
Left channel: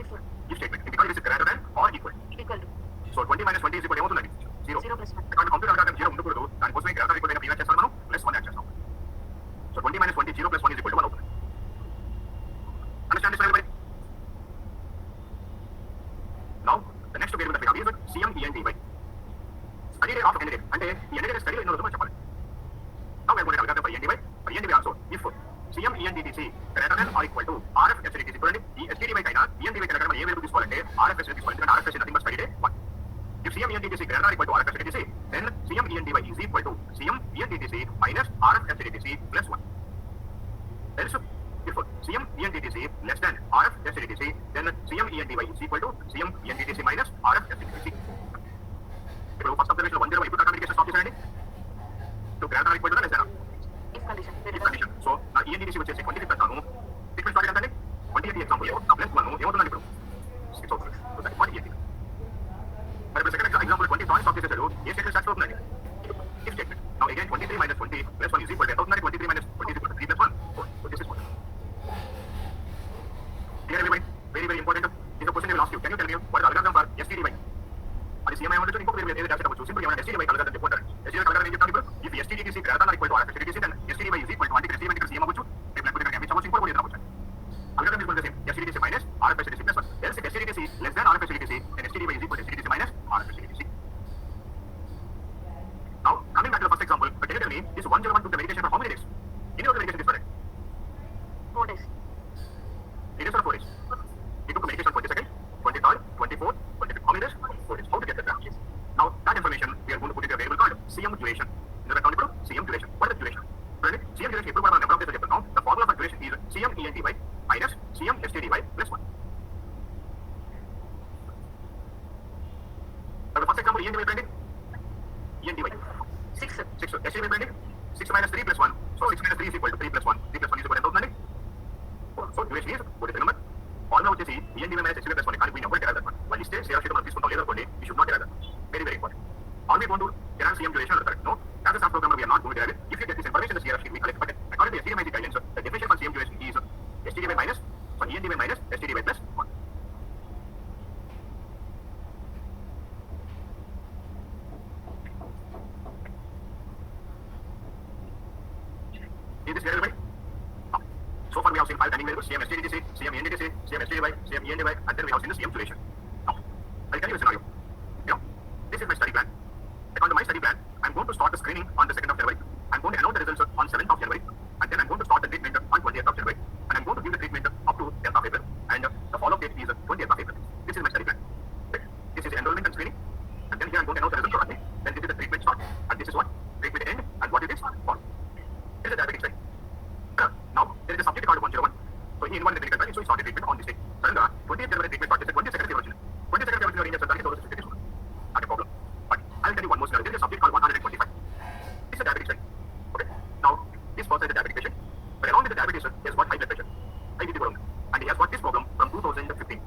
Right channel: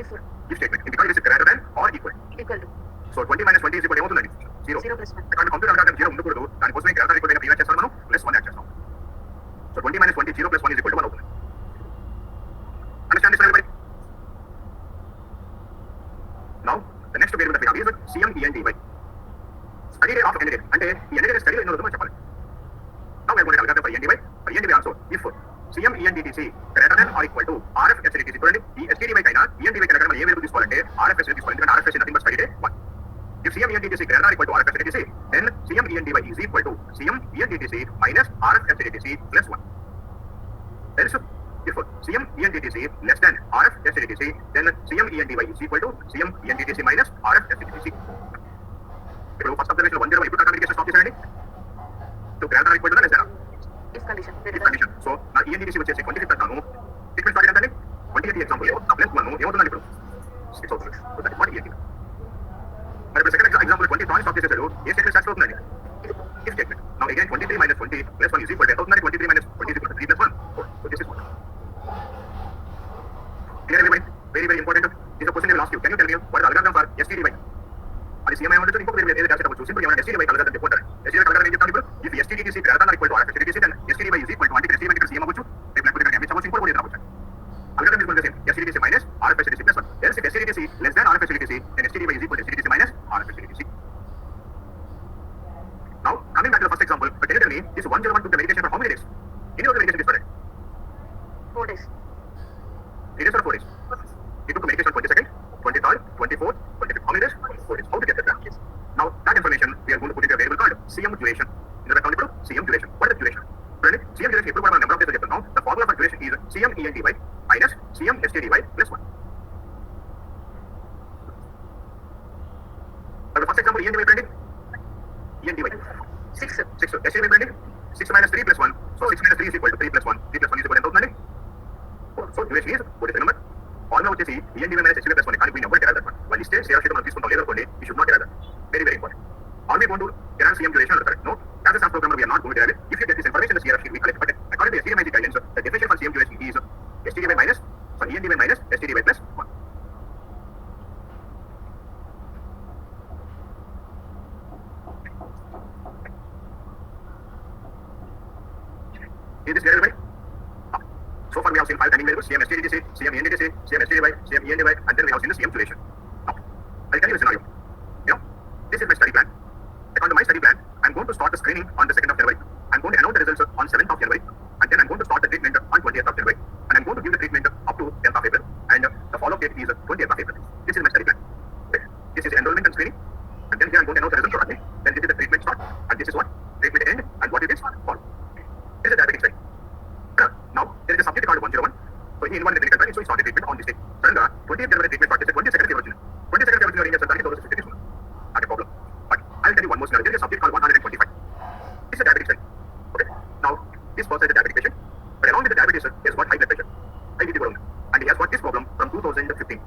If statement. Because it is greater than or equal. Equal to. So 20 - 20 is equal to ఏమవుతుందండి? 0. 0 + 1. ఇక్కడ computer algorithm 0 ఉండకూడదు. దానికోసమే greater equal అయిన previous చేస్తాం మనం +1 add చేస్తాం. So 20 - 20 0 + 1 is equal to 1 అవుతుంది. Understand this everybody? Now the next variable that we have is CM ENDY. Study day of NDA. అంటే ఈ NDA స్టడీ ఎన్నో రోజులు మనం చెప్పాలి. Now we are going to calculate for ENDY. For ENDY also, if CM ENDTC greater than or equal to RF STDTC. చూడండి, ఈ STDY కైనా ENDY కైనా మనం ఏ వేరియబుల్ తీసుకోవాలంటే RF STDTC తీసుకోవాలి. ఎందుకంటే RF is nothing but study day 1. If CM ENDTC greater than or equal to RF STDTC, then CM ENDY is equal to CM ENDTC minus RF STDTC plus 1. Else, if CM ENDTC less than RF STDTC, then CM ENDY is equal to CM ENDTC minus RF STDTC. ఇప్పుడు first observation 10 ఇప్పుడు communication stop చేశారండి. So greater are equal to less than If condition. If condition. So నా ENDTC వచ్చేసి 20 పెడతాను. Treatment start ఏంటండి? 20 example plus 1 ఏమవుతుందండి ఇప్పుడు? 6 అవుతుంది. So that what END. మరి ఇప్పుడు సెకండ్ ఎగ్జాంపుల్ 20 థాట్ స్టాప్ చేసేసారు. ఏ స్టేట్మెంట్ సాటిస్ఫై అవుతుందండి? If statement. Now again 23 - 20 + 1 is equal to అవుతుందండి. 23 - 20 is equal to 3 + 1 4. So this is 1. Clear everybody? Very very important. This is a question they will ask you. Can you tell me what is the algorithm for STDY? అది CMI ఉండొచ్చు, ఇంకొక వేరే ఏదో చేసేటప్పుడు simple ఏమైనా STDY కలగదని చెప్పుకుంటారు. STDY కలగదని ఏం చెప్తాను ఇప్పుడు? If STDTC greater than or equal to RF STDTC, then STDY is equal to అంటే STDY ఇక్కడ CM అవ్వచ్చు, లేకపోతే ఇక్కడ MH అవ్వచ్చు, ఇంకొక ఏదో అవ్వచ్చు. Algorithm is going to be same. STDTC minus RF STDTC plus 1. Else if STDTC less than RF STDTC, then STDY is equal to STDTC minus RF STDTC. Now coming back to the first example, can you tell me this 101 took the medication for how many days? ఎన్ని రోజులు medication తీసుకున్నాడు? 4 days. 3 days or 4 days? He took medication 22nd, 23rd, 24th, 25th. How many days? 4 days. How to get that? Now that information we are going to put into a variable called CM duration. In the account ఇప్పుడు CM duration. What is the duration? చూడండి, CM duration ఎప్పుడు కూడా మనం number of days చెప్తున్నాం. The formula for duration is CM ENDY minus CM STDY plus 1. The first example ENDY చూడండి. ENDY 6. 6. STDY చూడండి. 6 - 3 + 1. So 6 - 3 is equal to 3 + 1. 3 + 1 is equal to ఎంత అవుతుందండి? 4. So duration is 4. Remember? Formula వచ్చేసి ENDY minus STDY plus 1. కానీ we never derive that one. వాళ్ళు ఇస్తే share sheet మనం తీసుకుంటాం, లేదనుకోండి we should not derive that. Very very important. All we want to derive CM duration are correct. No, as a SAS programmer we are not going to derive it. If you get this information in the CR sheet we collect, but according to STDY guidelines, the definition for CM duration is STDY minus ENDY minus STDY plus 1. Is this clear, everybody? So far we have seen 5 timing variables, CM STDTC, CM ENDTC, CM STDY, CM ENDY, and then we have seen the CM duration. Now, I'll tell you a scenario. This is my study plan. According to my study plan, I'm going to start the screening on the 2nd of January. I'm going to announce the results on 7th of January, and then I'm going to start the treatment on 20th of January, and I'm going to give the treatment up to 10th of April, and the follow-up date is 20th of April. This is my study plan. Okay. This is enrollment and screening, and then here I'm going to announce the results shortly. Then this is the treatment start, and this is what treatment end, and what it is follow. This is the diabetic study. Now there is a subject called 101. So he involved in the clinical trial, so he started treatment on this day. And 20th January treatment started. 22nd February. 22nd February in the study, so 50 days. Not a problem. But I'll tell you one more scenario. There is a subject called 125. This is a diabetic study. Okay. Now this person is a diabetic patient, but along with the diabetes, he has got high blood pressure, high BP problem, and he has got this problem from 2015.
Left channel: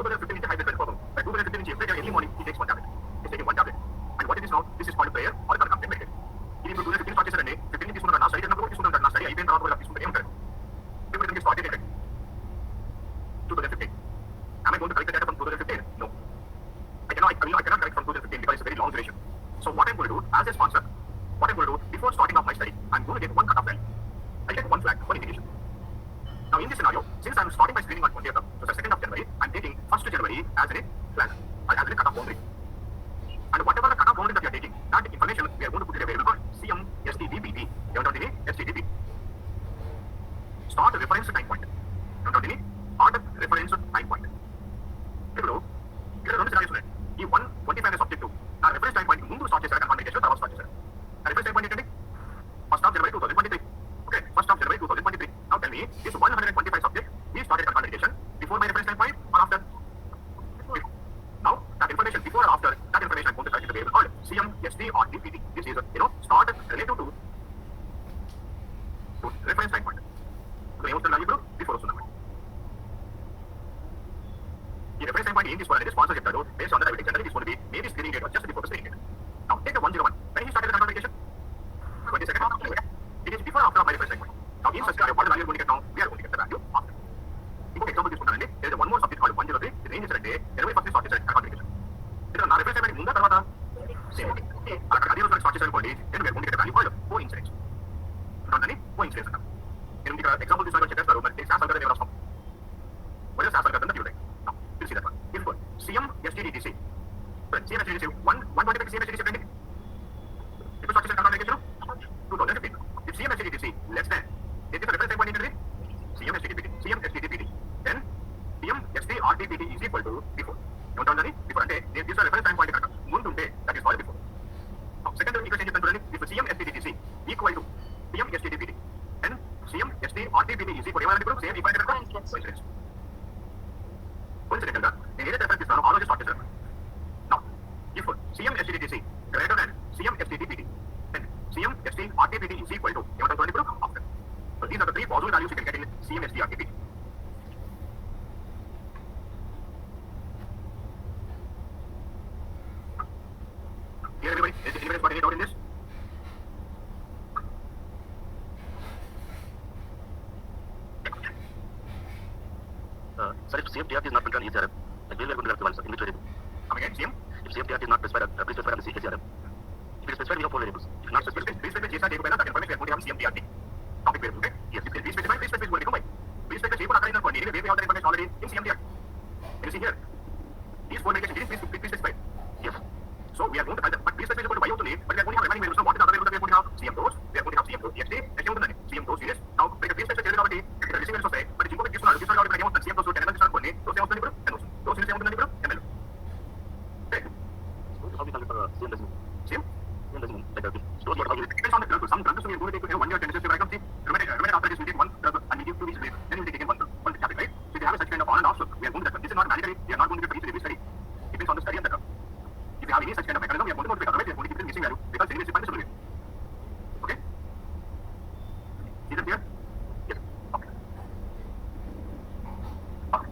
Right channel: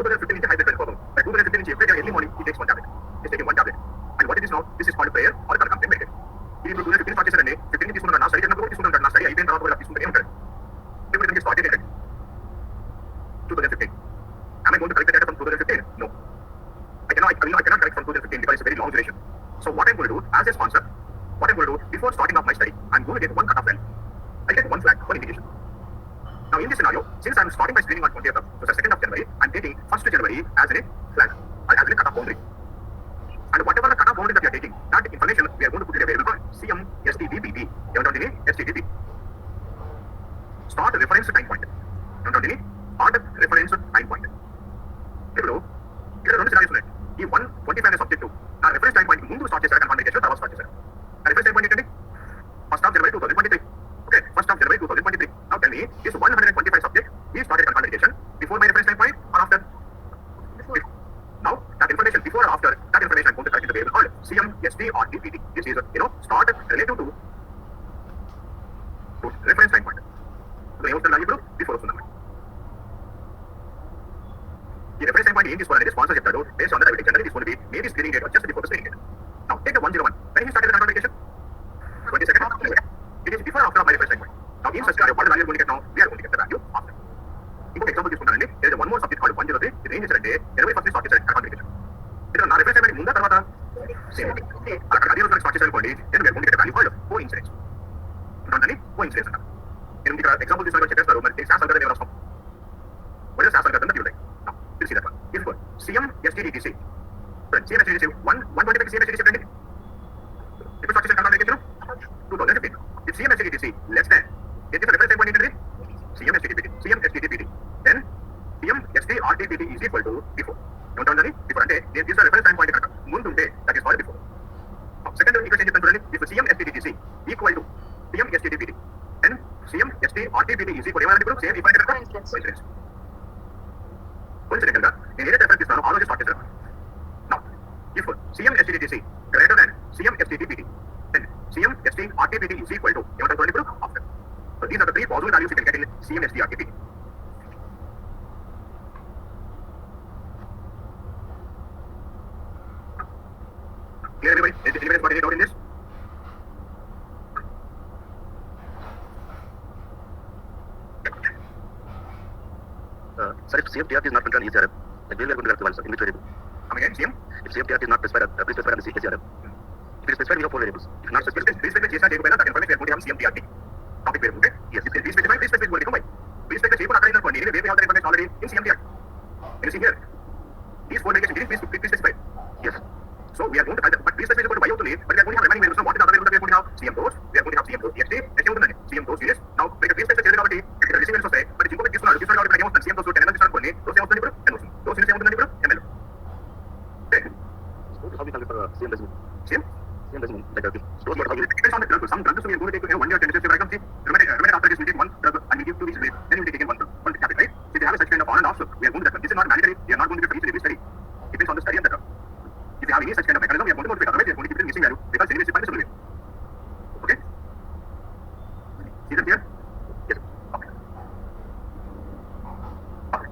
2015 is a high blood pressure problem. By 2015 every day, early morning, he takes one tablet. He's taking one tablet. And what it is now? This is called prayer or concomitant medication. He will 2015 start చేశారండి 15 తీసుకున్నాడు నా study తీసుకున్నాడు నా study అయిపోయిన తర్వాత కూడా తీసుకుంటే ఏమంటారు ఇప్పుడు దీనికి స్టార్ట్ చేయండి 2015. Am I going to collect the data from 2015? No. I cannot collect from 2015 because it's a very long duration. So what I'm going to do as a sponsor, what I'm going to do before starting off my study, I'm going to get one cutoff value. I'll get one flag, one indication. Now in this scenario, since I'm starting my screening on 20th, so the 2nd of January, I'm taking 1st January as a flag, as a cutoff boundary. And whatever the cutoff boundary that we are taking, that information we are going to put in a variable called CM STDPT. STDP. Start reference time point. Start reference time point. ఇప్పుడు ఇక్కడ రెండు scenarios ఉన్నాయి. ఈ 125 అనే subject నా reference time point ముందు start చేశారు confirm చేశారు తర్వాత స్టార్ట్ చేశారు. నా రిఫరెన్స్ టైం పాయింట్ ఏంటండి 1st of January 2023. Okay, 1st of January 2023. Now tell me, this 125 subject we started confirmation before my reference time point or after? Before. Now that information before or after, that information I'm going to start in the variable called CMST or DPT. This is start relative to reference time point. So ఏమవుతుంది value ఇప్పుడు before వస్తుందన్నమాట. ఈ reference time point ఏం తీసుకోవాలంటే sponsor చెప్తాడు based on the diabetic generally తీసుకొని maybe screening date or just before the screening date. Now take the 101. When he started the confirmation? 22nd of January. It is before or after my reference time point. Now in such scenario, what value are going to get now? We are going to get the value after. ఇంకొక example తీసుకున్నానండి. there is one more subject called 103. ఇది ఏం చేశారంటే 21st start చేశారు confirmation. ఇక్కడ నా reference time point ముందా తర్వాత సేమ్ అక్కడ అదే రోజు స్టార్ట్ చేశారనుకోండి then we are going to get a value called coincidence. అంటే coincidence అంట. నేను ఇక్కడ ఎగ్జాంపుల్ తీసుకుని చెప్పేస్తారు మరి SAS algorithm ఏమో రాస్తాం. what is SAS algorithm that you like? Now we'll see that one. If CM STDTC. CM STDTC 125 CM STDTC friend. If start చేశారు confirmation 2015. If CM STDTC less than is this a reference time point ఏంటండి? CM STDPT. Then CM STRTPT is equal to before. ఏమంటారండి? before అంటే this is a reference time point కనుక ముందు ఉంటే that is called before. Now second equation చెప్తాను చూడండి. If CM STDTC equal to CM STDPT then CM STRTPT is equal ఏమన్నా ఇప్పుడు same equal అంటే coincidence. coincidence గా నేను ఏదైతే రెఫరెన్స్ ఇస్తానో ఆ రోజు స్టార్ట్ చేశాను. Now if CM STDTC greater than CM STDPT then CM STRTPT is equal to ఏమంటారు చూడండి ఇప్పుడు after. So these are the 3 possible values you can get in CM STRTPT. Clear everybody? Anybody got any doubt in this? Sir, if CMTR is not controlled in ECRM, then we are going to have to answer in which variable? Come again, CM? If CMTR is not specified, please specify on the ECRM. If it is specified, we have 4 variables. If not specified, Please specify చేసా చేయకపోయినా that information we are going to have CMTRT. Topic పేరు okay? Yes. If please specify going to come by. Please specify చేయకుండా అక్కడ అనుకోండి. Anyway, we have the information already in CMTRT. Can you see here? These 4 medications, please specify. yes. So we are going to find that, but please specify going to Y అవుతుంది. But we are going to have remaining variables. Now what is the other variables that we are going to have? CM dose. We are going to have CM dose TXT. Next ఏముందండి? CM dose series. Now ఇక్కడ please specify చేయాలి కాబట్టి ఇక్కడ రిసీవెన్స్ వస్తాయి. మరి ఇంకొకటి తీసుకున్నాడు కాబట్టి ఇక్కడ ఏమవుతుంది? CM dose 10 ml తీసుకోండి. dose ఏమవుతుంది ఇప్పుడు? 10 వస్తుంది. dose series ఏమవుతుందండి ఇప్పుడు? ml. Okay. So how we calculate for CM decimal? CM? CM decimal. Like dose what how we Depends on the drug. Some drugs we are going to take 1 year 10 days. I can see rheumatoid arthritis we take 1 drug and we give 2 weeks away. Then we take again 1 tablet, right? So if you have such kind of on and off, we are going to that. This is not mandatory. We are not going to do it for each study. Depends on the study and the drug. If you have any such kind of mechanism, we are going to modify it. Otherwise, we are going to keep it missing value because anyway, it's permissible way. Okay? Is it clear? Yes. Okay. Okay.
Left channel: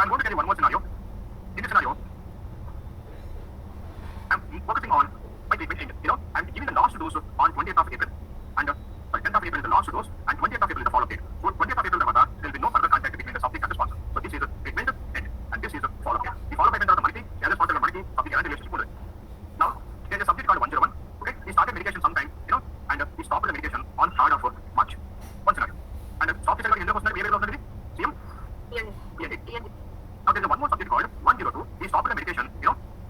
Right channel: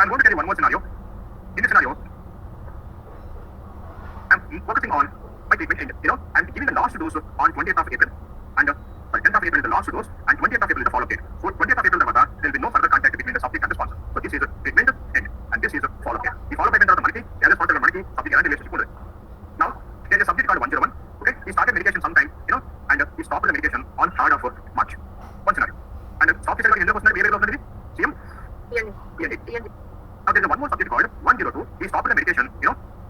I'm going to tell you one more scenario. In this scenario, I'm focusing on my treatment end. I'm giving the last dose on 20th of April and 10th of April is the last dose and 20th of April is the follow-up date. So 20th of April, there will be no further contact between the subject and the sponsor. So this is a treatment end and this is a follow-up date. The follow-up date is the multi, the other sponsor is multi, subject and relationship. Now, there is a subject called 101. Okay, he started medication sometime, and he stopped the medication on 3rd of March. Now there is one more subject called 102. He stopped the medication,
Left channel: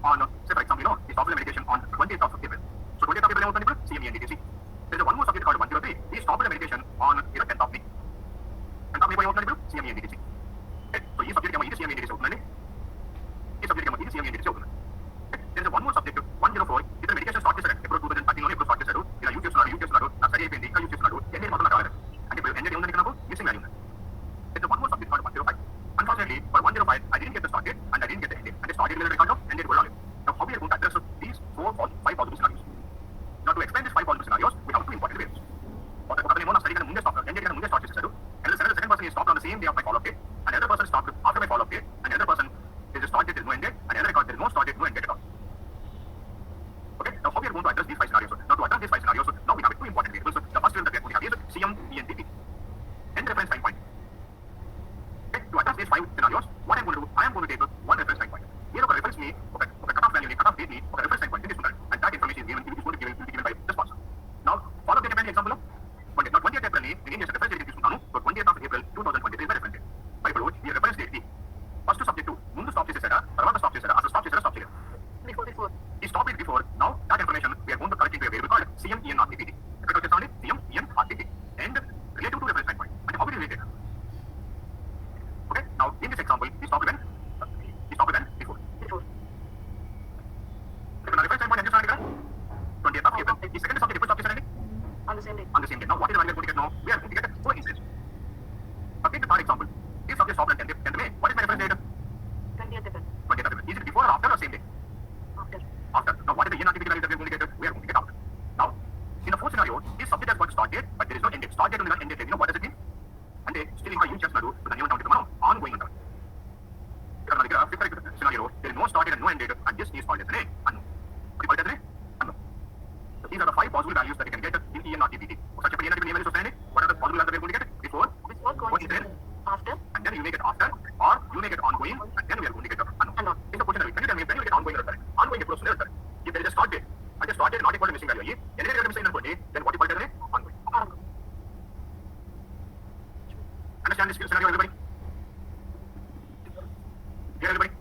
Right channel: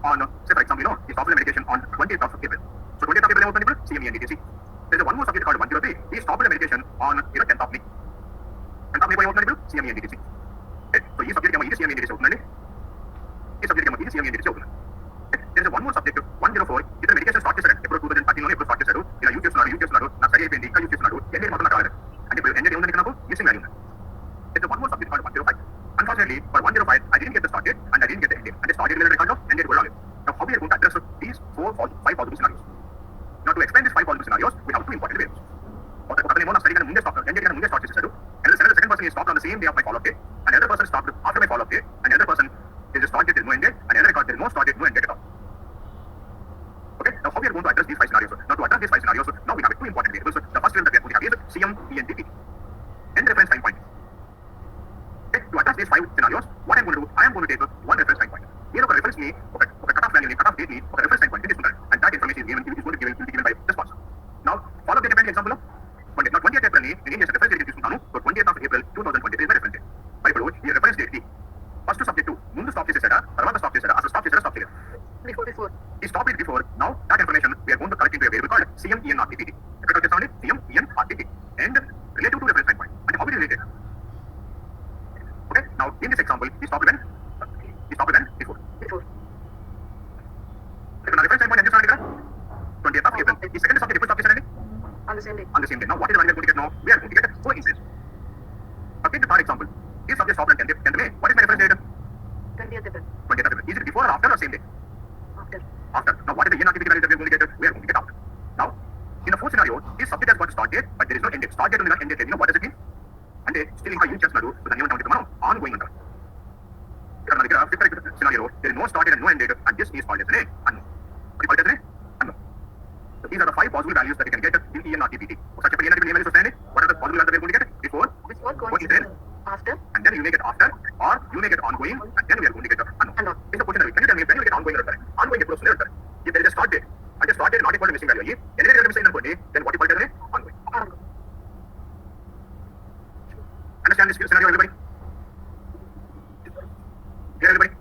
on, say for example, he stopped the medication on 20th of April. So 20th of April, what people? CME and DTC. There is one more subject called 103. He stopped the medication on, 10th of May. 10th of May, what people? CME and DTC. Okay. So this subject is CME and DTC. This subject is CME and DTC. There is one more subject, 104. This medication started April 2013 only started use చేస్తున్నారు నా study అయిపోయింది ఇంకా use చేస్తున్నాడు end మొత్తం నాకు కావాలి అంటే ఇప్పుడు ఎండ్ ఏముంది నాకు missing value there is one more subject called 105. Unfortunately, for 105, I didn't get the start date and I didn't get the end date. And the start date will record of end date will only. Now, how we are going to address these 5 possible scenarios? Now, to explain these 5 possible scenarios, we have 2 important variables. Study end date start చేసేసాడు. And the second person is stopped on the same day of my follow-up date. And another person stopped after my follow-up date. And another person is start date, there is no end date. And another record, there is no start date, no end date at all. Okay, now how we are going to address these 5 scenarios? Now, to address these 5 scenarios, now we have 2 important variables. The first variable that we are going to have is CM, E, and DP. End reference time point. Okay, to address these 5 scenarios, what I am going to do, I am going to take one reference time point. Here, a reference me, cutoff value, cutoff date, reference time point, and that information is given, will be given by the sponsor. Now, follow the example of 20th April, in India, reference date is so 20th of April 2023 is the reference date. By the reference date, first subject to, mundu stop chesara, tarvata stop chesara, after stop chesara. Before. He stopped it before. Now, that information we are going to collect into a variable called CM, EN, RTPT. CM, EN, RTPT. And relative to reference time point. And how it is related? Okay, now in this example, he stopped when? Before. Now, reference time point, 20th of April. The second subject, stop chesara On the same day. on the same day. Now, what is the value we are going to get now? We are going to get 4 instances. Now, take the third example. This subject stopped on 10th May. What is my reference date? 20th April. 20th April. Is it before or after or same day? After. Now, what is the EN value that we are going to get? We are going to get after. Now, in the fourth scenario, this subject has got start date, but there is no end date. Start date only, end date. What does it mean? And still ఇంకా use చేస్తున్నారు దాన్ని ఏమంటాం మనం ongoing అంటారు. ఇక్కడ మన దగ్గర fifth scenario there no start and no end date and just is called as unknown. అది called as unknown. So these are the 5 possible values that you can get in EN or TPT. ఒకసారి చెప్పండి EN values వస్తాయండి. What are the possible values that we are going to get? Before, Coincident. After. and then you may get after, or you may get ongoing, and then we are going to get unknown. In the question, can you tell me when you get ongoing or ongoing approach? If there is a start date, and the start date is not equal to missing value, then what you call it? Ongoing. Understand this scenario, everybody? Clear, everybody?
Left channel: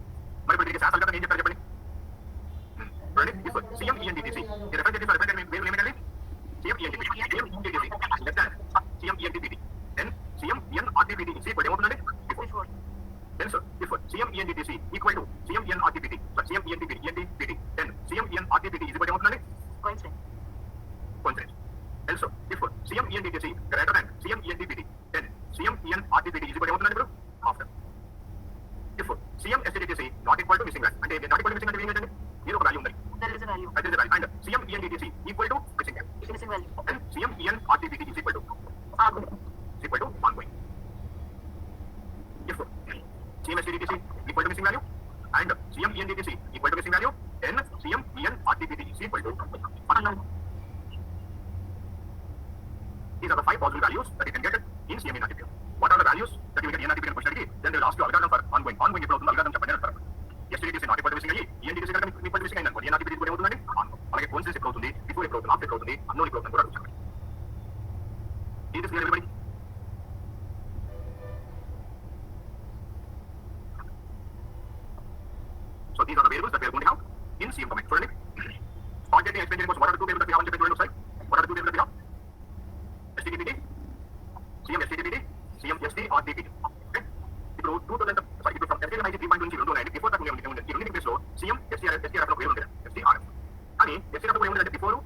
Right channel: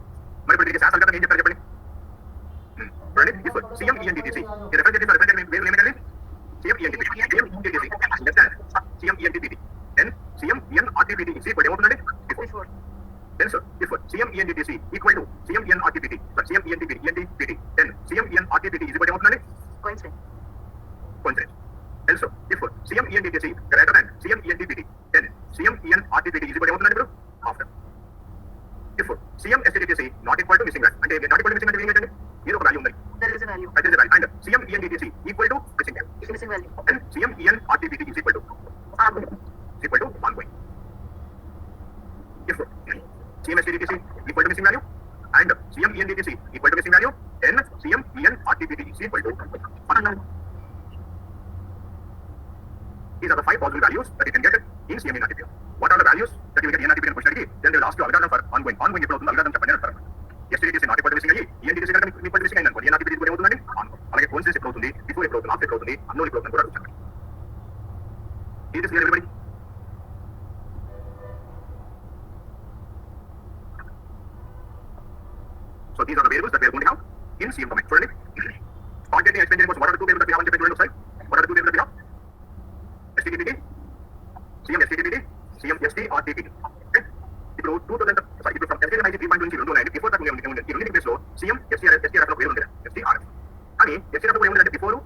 Everybody gets asked everybody. Ready? This one, CM, ENTTC. The reference date is CM, ENTTC. Understand? CM, ENTTC. Then CM, EN, RTPT is equal to before. Then sir, before CM, ENTTC equal to CM, EN, RTPT. So CM, ENTPT. Then CM, EN, RTPT is equal to Coincident. Then sir, before CM, ENTTC greater than CM, ENTPT. Then CM, EN, RTPT is equal to after. Before CM, STTC not equal to missing value. And not equal to missing value, zero value. There is a value. That is the value. And CM, ENTTC equal to missing value. And CM, EN, RTPT is equal to ongoing. If CM, STTC equal to missing value and CM, ENTTC equal to missing value, then CM, EN, RTPT is equal to unknown. These are the 5 possible values that you can get in CM, EN, RTPT. What are the values that you will get in RTPT question? Then they will ask you algorithm for ongoing. Ongoing equal to algorithm చెప్పండి అంటారు. STTC not equal to missing value, ENTTC equal to missing value. EN, RTPT equal అవుతుందండి ongoing. అలాగే coincidence equal అవుతుంది, before equal అవుతుంది, after equal అవుతుంది, unknown equal అవుతుంది కూడా చెప్పండి. Is this clear, everybody? So these are the variables that we are going to have in CM domain. So, start getting explained what are the 2 variables that we have on the side? What are the 2 variables that we have? STTPT, CM, STTPT, CM, ST, RTPT. Okay? ఇప్పుడు 2000 sorry ఇప్పుడు from STTPT 3.2 నుంచి 2 before that ఈ రెండింటి place లో CM, STRF లో వేరు ఉంది STRF. కానీ STRF లో ఏముందంటే బిఫోర్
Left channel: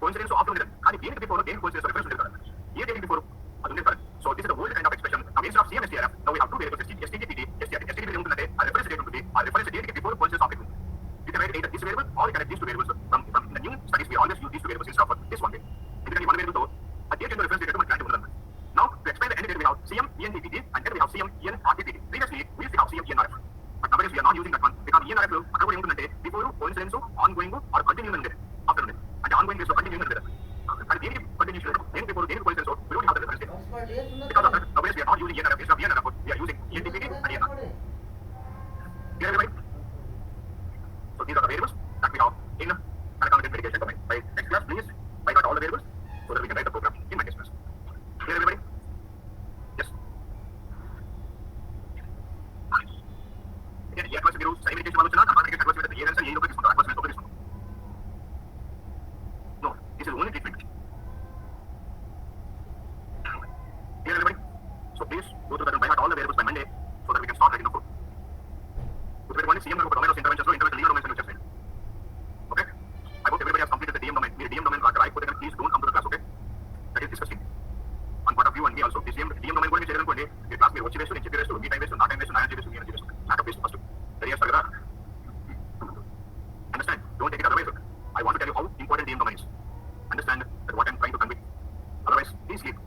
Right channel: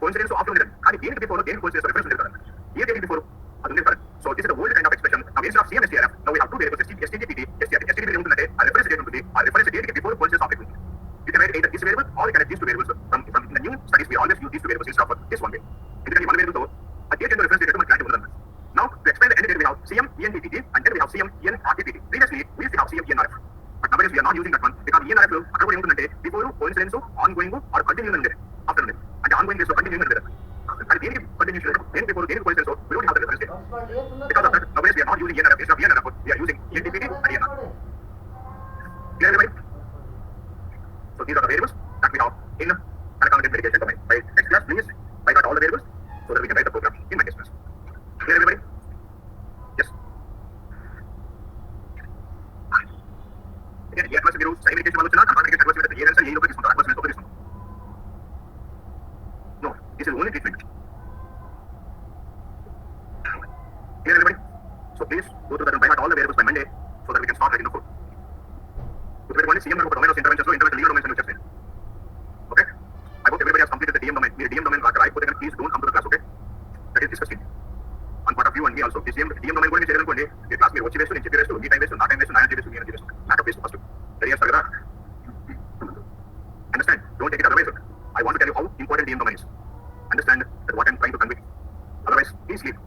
కోఇన్సిడెన్స్ ఆఫ్టర్ ఉంది. కానీ దేనికి బిఫోర్ దేనికి కోఇన్సిడెన్స్ రిఫరెన్స్ ఉంది కదా. ఏ దేనికి బిఫోర్ అది ఉంది కదా. So this is the old kind of expression. Now instead of CM, STRF, now we have 2 variables STTPT, STRF. STTPT ఏముందంటే ఆ రిఫరెన్స్ డేట్ ఉంటుంది. ఆ రిఫరెన్స్ డేట్ కి బిఫోర్ కోఇన్సిడెన్స్ ఆఫ్టర్ ఉంటుంది. You can write either this variable or you can write these 2 variables. From the new studies we always use these 2 variables instead of this one way. ఎందుకంటే one variable తో ఆ date and reference date మనకి clarity ఉండదు. Now to explain the end date we have CM, ENTPT and then we have CM, EN, RTPT. Previously we used to have CM, ENRF. But nowadays we are not using that one because ENRF లో అక్కడ కూడా ఏముంటుందంటే before coincidence ongoing or continuing ఉంది after ఉంది. అంటే ongoing days లో continuing ఉంది. And దేనికి కంటిన్యూషన్ దేనికి బిఫోర్ దేనికి coincidence we don't have the reference date. Because of that nowadays we are not using ENRF. Instead of ENRF we are using ENTPT and ENRF. Clear, everybody? So these are the variables that we have in unaccounted medication domain. By next class, please write out all the variables so that we can write the program in my next class. Clear, everybody? Yes. again A advice మీరు side medication వల్ల వచ్చినా కంట్రాండికేషన్ advice అయితే ఏ answer ఏ లోపల తీసుకుంటారు advice లోపల తీసుకుంటారు no this is only treatment clear everybody so please go through that and find out all the variables by Monday so that we can start writing the code గుర్తుపెట్టుకోండి CM గారు ఒక domain of interventions లో intervention legal domains అని చెప్పారు okay I hope everybody has completed the DM domain మీరు DM domain రాకపోతే కనుక please don't come to the class okay that is discussed on part of you and me also this DM domain కూడా చేయాలనుకోండి ఈ class మీరు వచ్చి waste నేను చెప్పి waste మీ టైం వేస్ట్ నా టైం వేస్ట్ నా ఎనర్జీ వేస్ట్ మీ energy waste backup waste first ready చేస్తారు కదా understand don't take it otherwise I want to tell you how important DM domain is understand that what I'm trying to convey otherwise please sleep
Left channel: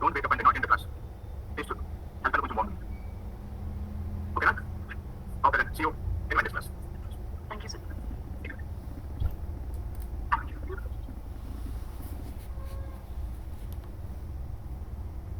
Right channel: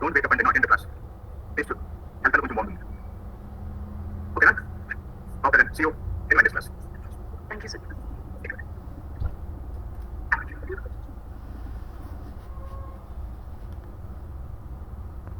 don't wake up and not attend the class please do health కొంచెం బాగుంటుంది ఓకేనా okay then see you